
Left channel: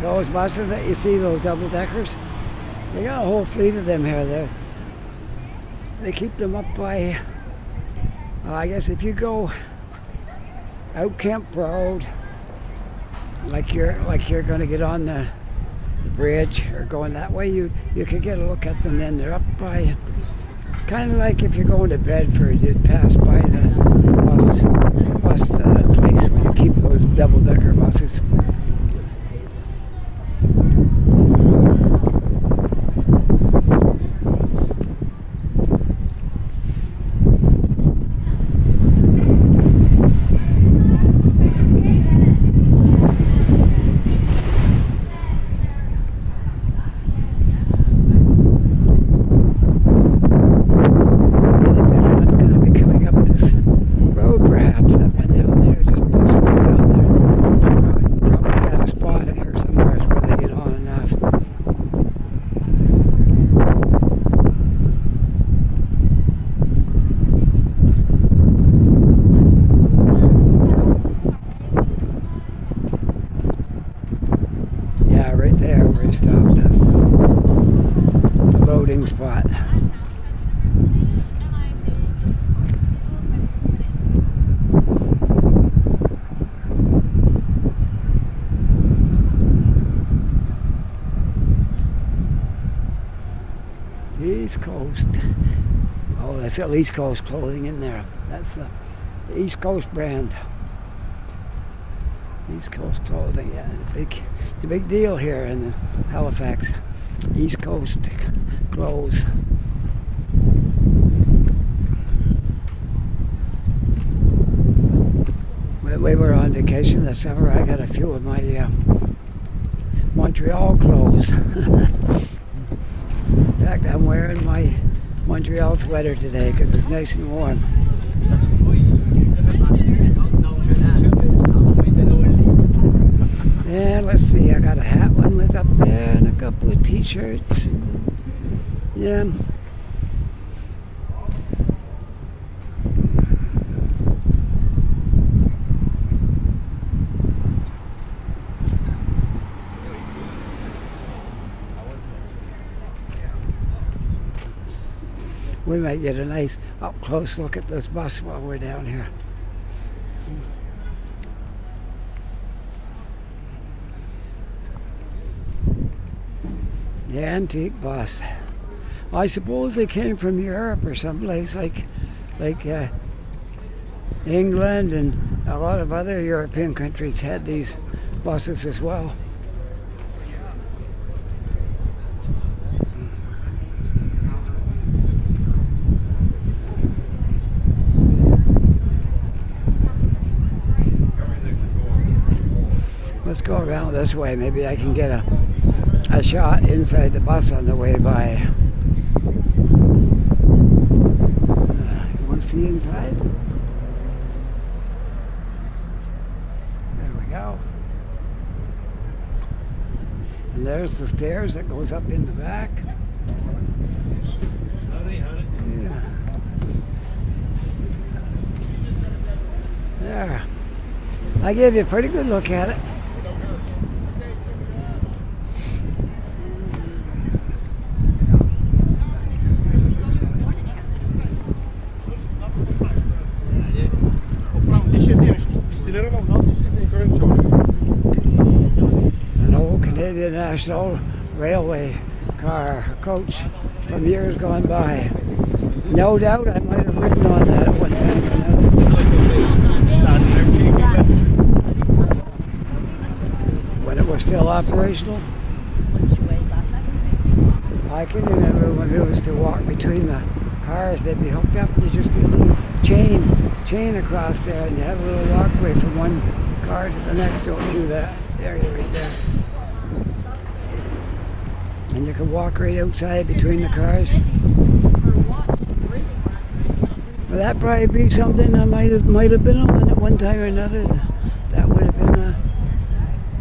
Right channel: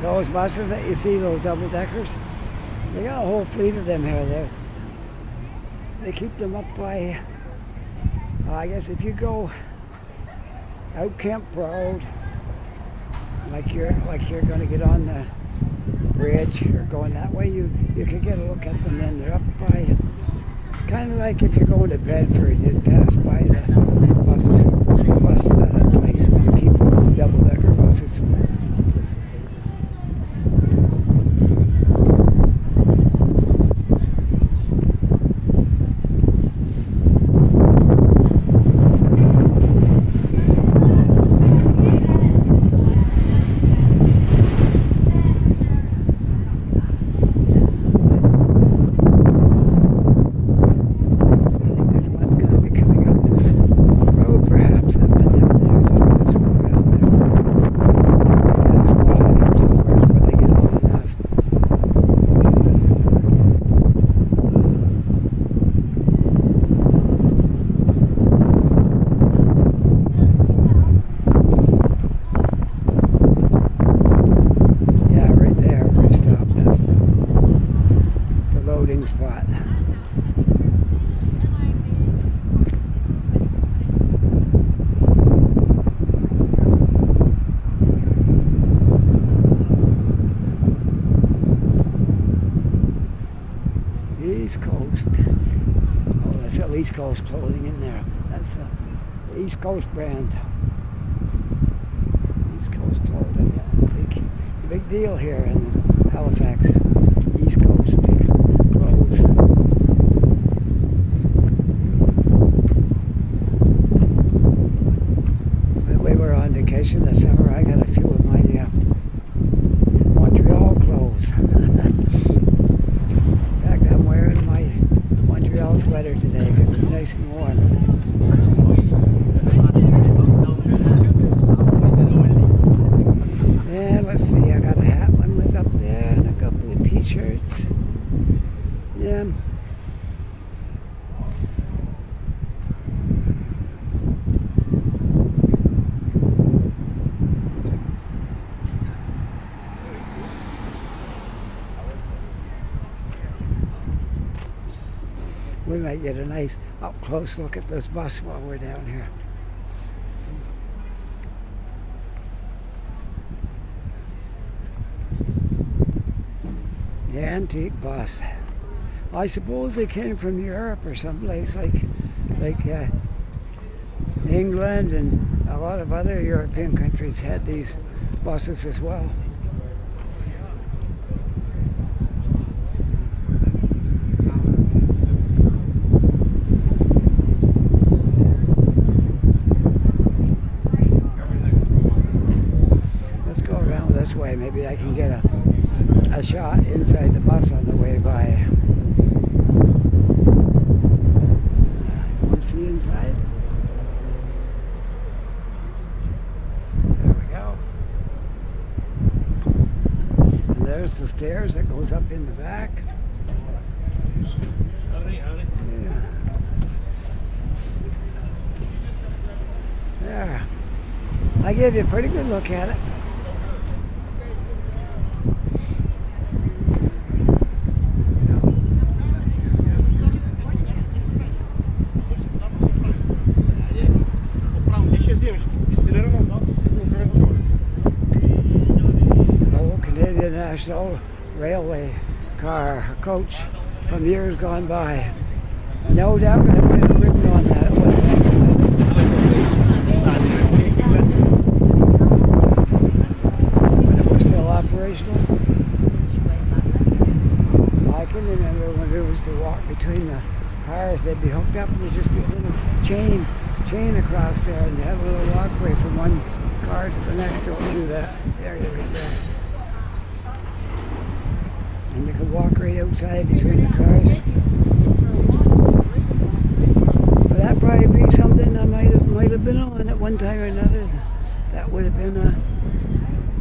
Those buses that you see, those double-deckers, they got a whole fleet of them here. They keep them up by, I guess if you go out Kemp Road, like you're going to get on the bridge or going that way, you could get a look at them then. They're up by Kind of like if you're going to Bedford, you pass by the bus place where you keep those double-decker buses. Spot. East Coast. Oh, that's got East Coast clothing in there. That's the East Coast brand. East Coast clothing, yeah. It's a big deal here in Halifax. East Coast clothes. When we were on vacation this summer, I got a few of my Montreal clothes. In fact, I'm wearing my Montreal sweater today because it's nice and warm. Yeah, let's see, I got a hat one was up there and a couple of t-shirts. Yeah. We might get a nice up-close look at this bus while we're down here. The antique bus. I suppose they came from Europe or someplace like England, and a lot of other European countries had these buses as well. Let's go around this way. Maybe I can get a shot inside the bus on the way by. Want to see inside? There we go. And there's the stairs that goes up in the back. Yeah. There. I gave you a pretty good look at it. An old Canadian National Railway car, a coach from years gone by. No doubt I might have ridden on that at one time or another. When it was still operational. I can remember when it was to walk between the cars, they'd be hooked up and there'd just be a little chain across there, and you had a little walkway from one car to the next or through that area right there. And you could walk right outside between the cars. Well, that'd probably be something I might have been on at one time or another. That would have been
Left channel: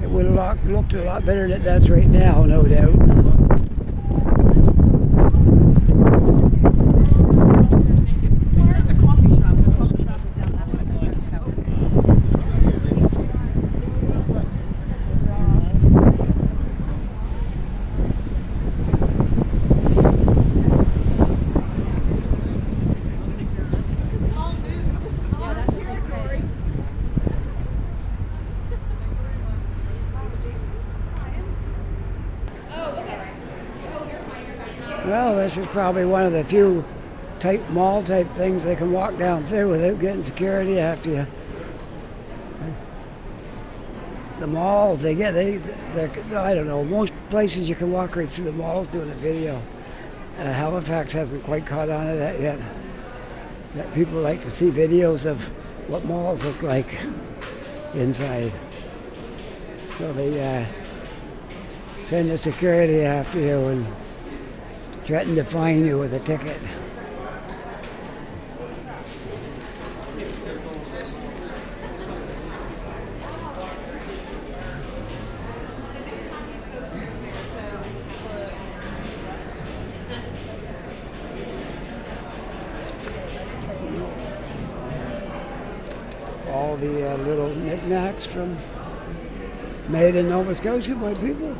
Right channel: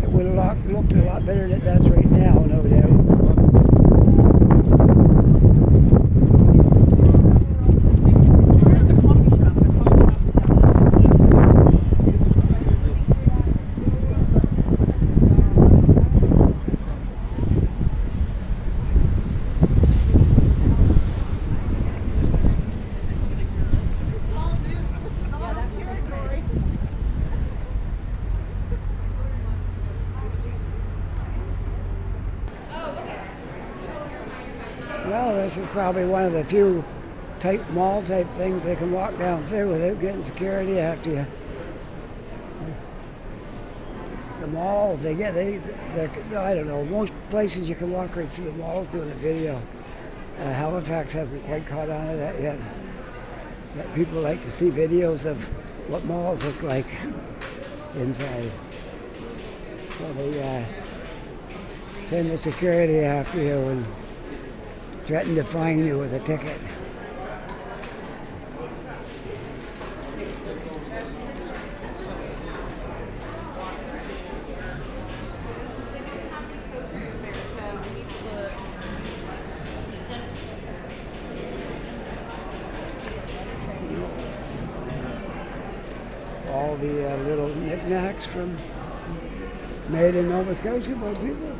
it would have looked a lot better than it does right now, no doubt. Well, this is probably one of the few type mall type things they can walk down through without getting security after you. The malls, I don't know, most places you can walk right through the malls doing a video. Halifax hasn't quite caught on to that yet. That people like to see videos of what malls look like inside. So they send the security after you and threaten to fine you with a ticket. All the little knickknacks from made in Nova Scotia by people.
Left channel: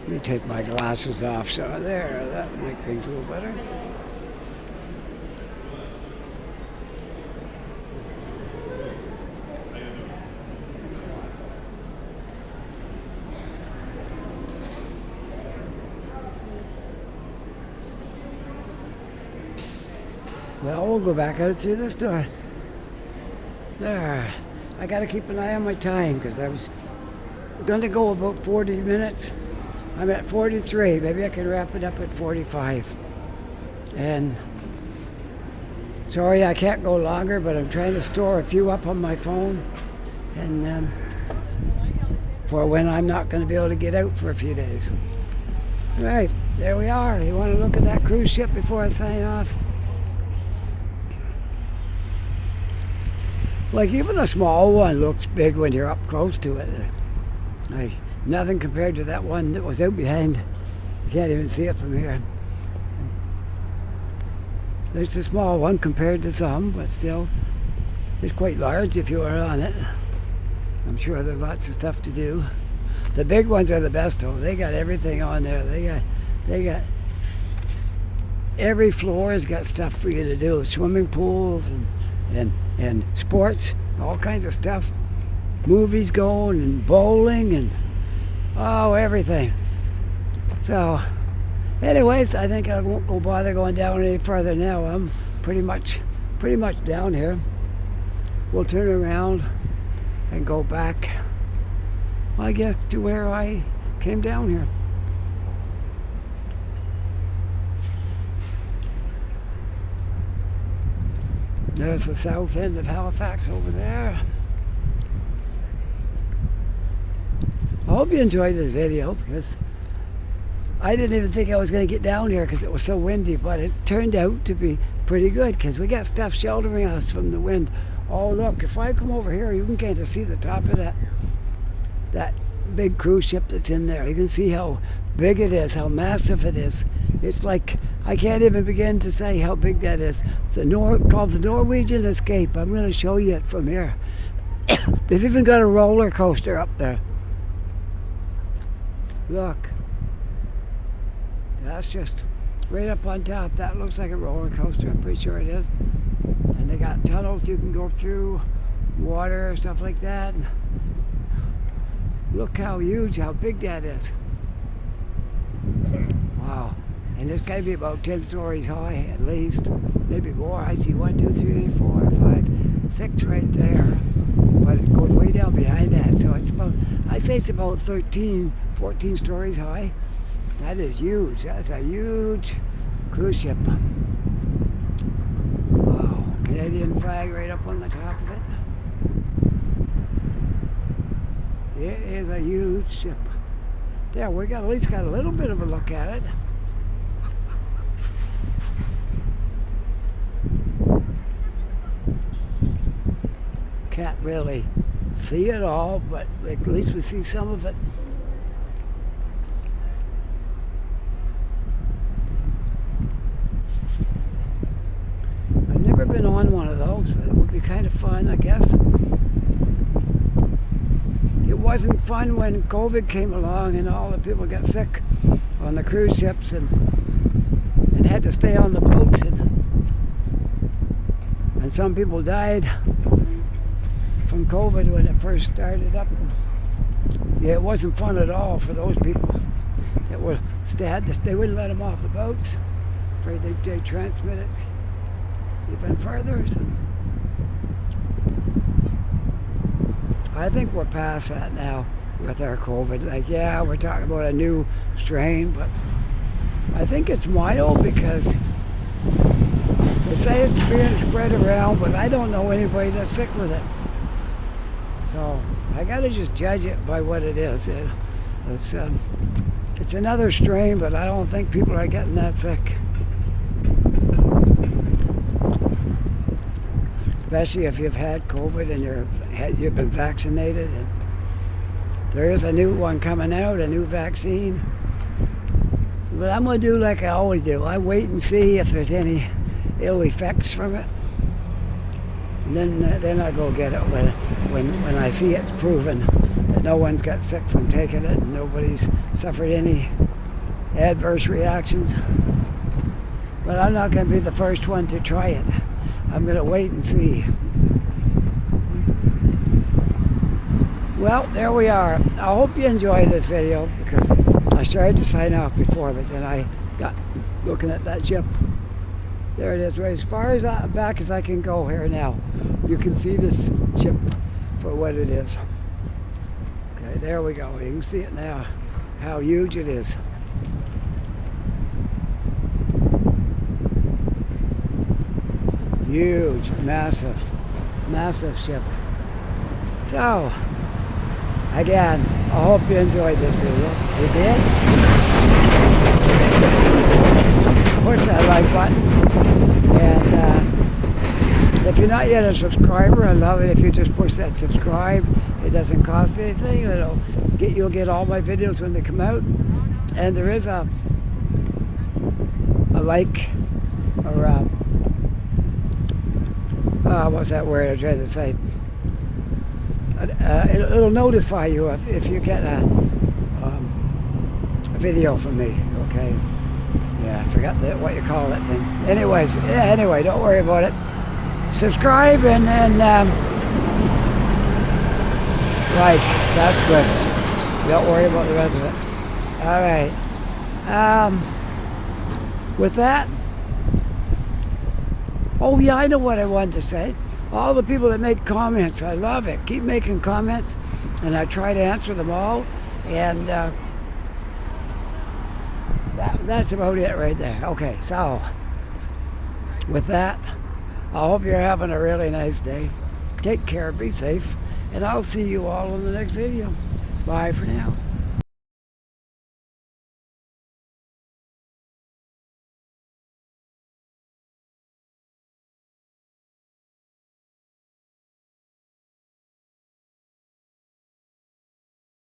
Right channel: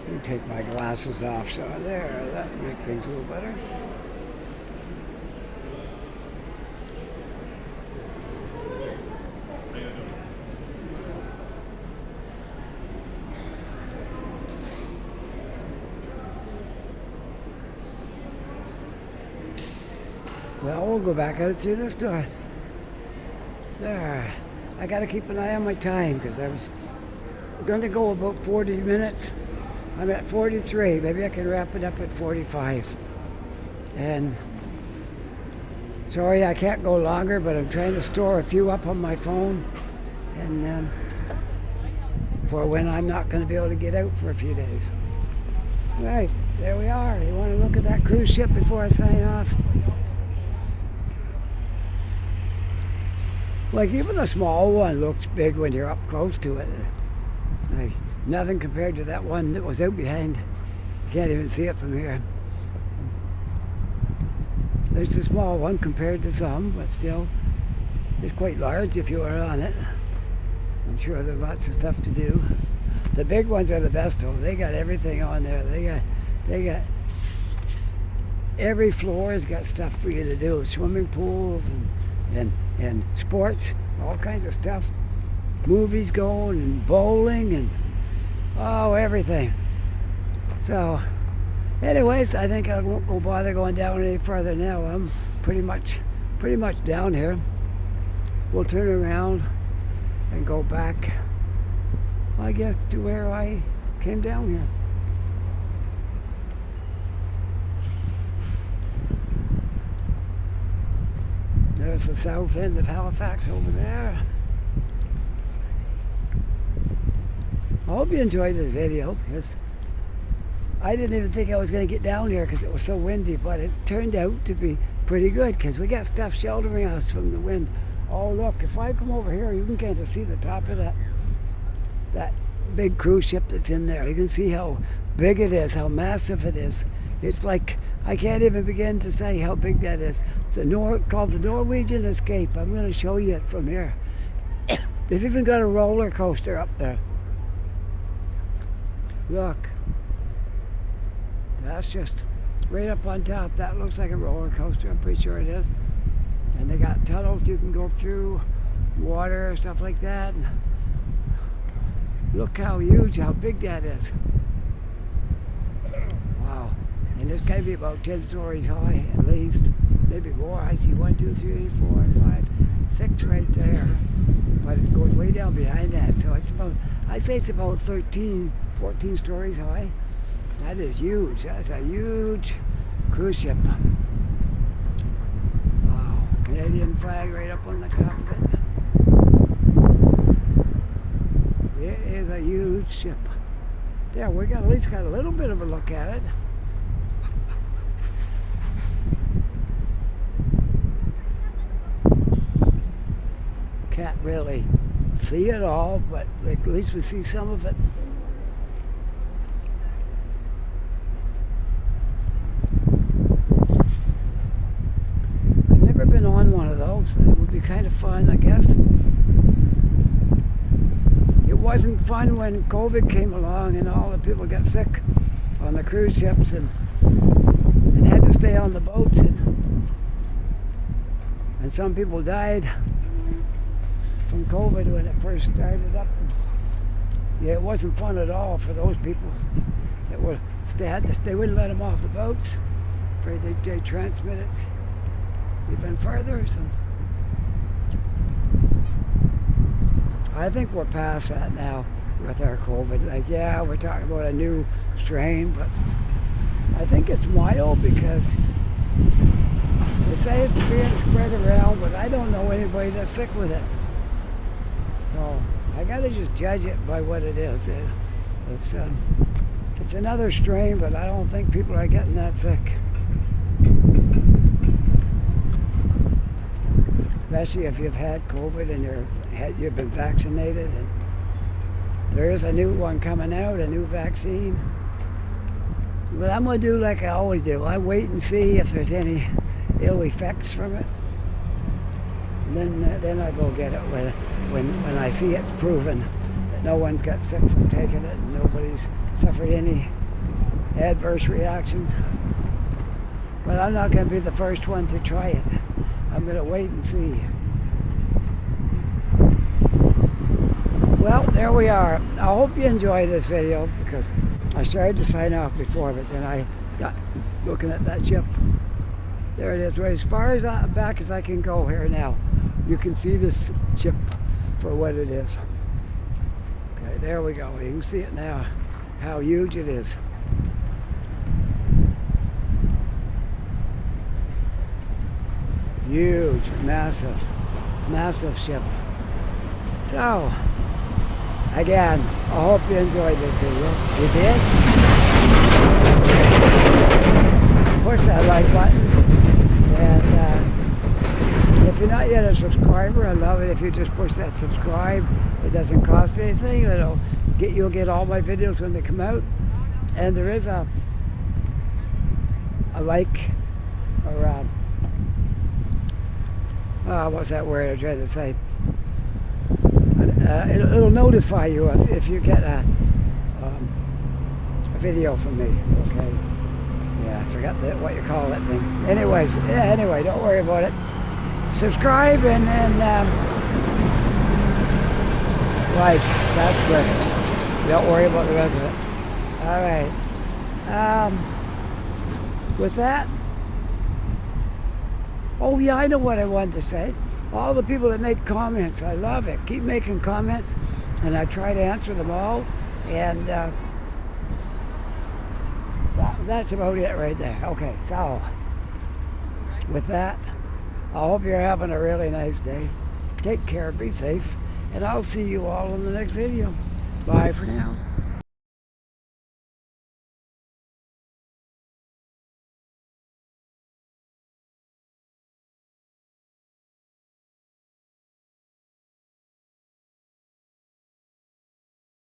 Let me take my glasses off, so there, that'll make things a little better. Well, we'll go back out through this door. There. I got to keep an eye on my time because I was going to go about 40 minutes. I'm at 43. Maybe I can wrap it up at 45. And sorry I can't go longer, but I'm trying to store a few up on my phone. And for when I'm not going to be able to get out for a few days. All right, there we are. You want to look at that cruise ship before I sign off? Like even a small one looks big when you're up close to it. Like nothing compared to that one that was out behind. You can't even see it from here. It's a small one compared to some, but still it's quite large if you were on it. I'm sure there's lots of stuff to do. The big ones are the best though. They got everything on there. They got every floor has got stuff for you to do. Swimming pools and sports, all kinds of stuff. Movies going and bowling and everything. So anyways, I think I won't go bother going down any further now. I'm pretty much down here. We'll turn around and go back, I guess, to where I came down here. There's the south end of Halifax over there. I hope you enjoyed this video because I didn't even think I was going to get down here because it was so windy, but it turned out to be pretty good because we got stuff sheltering us from the wind. Oh look, if I come over here, you can kind of see the top of that big cruise ship that's in there. You can see how big it is, how massive it is. It's like, I can't even begin to say how big that is. It's called the Norwegian Escape. I'm going to show you it from here. They've even got a roller coaster up there. Look. That's just right up on top. That looks like a roller coaster. I'm pretty sure it is. And they got tunnels you can go through, water, stuff like that. And look how huge, how big that is. Wow. And it's got to be about 10 stories high at least, maybe more. I see 1, 2, 3, 4, 5, 6 right there. But it goes way down behind that. So it's about, I'd say it's about 13, 14 stories high. That is huge. That's a huge cruise ship. Wow. Canadian flag right up on the top of it. It is a huge ship. There, we got at least got a little bit of a look at it. Can't really see it all, but at least we see some of it. I've never been on one of those, but it would be kind of fun, I guess. It wasn't fun when COVID came along and all the people got sick on the cruise ships and had to stay on the boats, and some people died from COVID when it first started up. Yeah, it wasn't fun at all for those people that were they wouldn't let them off the boats. Afraid they transmit it even further. So I think we're past that now with our COVID. Like, yeah, we're talking about a new strain, but I think it's mild because they say it's being spread around, but I don't know anybody that's sick with it. So I gotta just judge it by what it is. It's another strain, but I don't think people are getting that sick. Especially if you've had COVID and you've been vaccinated. And there is a new one coming out, a new vaccine. But I'm going to do like I always do. I wait and see if there's any ill effects from it. And then I go get it when I see it's proven that no one's got sick from taking it and nobody's suffered any adverse reactions. But I'm not going to be the first one to try it. I'm going to wait and see. Well, there we are. I hope you enjoyed this video because I started to sign off before, but then I got looking at that ship. There it is, right as far as back as I can go here now. You can see this ship for what it is. Okay, there we go. You can see it now, how huge it is. Huge, massive, massive ship. So, again, I hope you enjoyed this video. If you did, push that like button. And if you're not yet a subscriber, I love it if you just push that subscribe. It doesn't cost anything. You'll get all my videos when they come out. And there is a like or what's that word I was trying to say? It'll notify you if you get a video from me. Okay. Yeah, I forgot what you call that thing. Anyways, anyway, don't worry about it. Subscribe and then like. That's good. Don't worry about the rest of it. All right. With that. Oh yeah, I know what I wanted to say. All the people that make comments, I love it. Keep making comments, and I try to answer them all. And that's about it right there. Okay, so with that, I hope you're having a really nice day. Take care, be safe, and I'll see you all in the next video. Bye for now.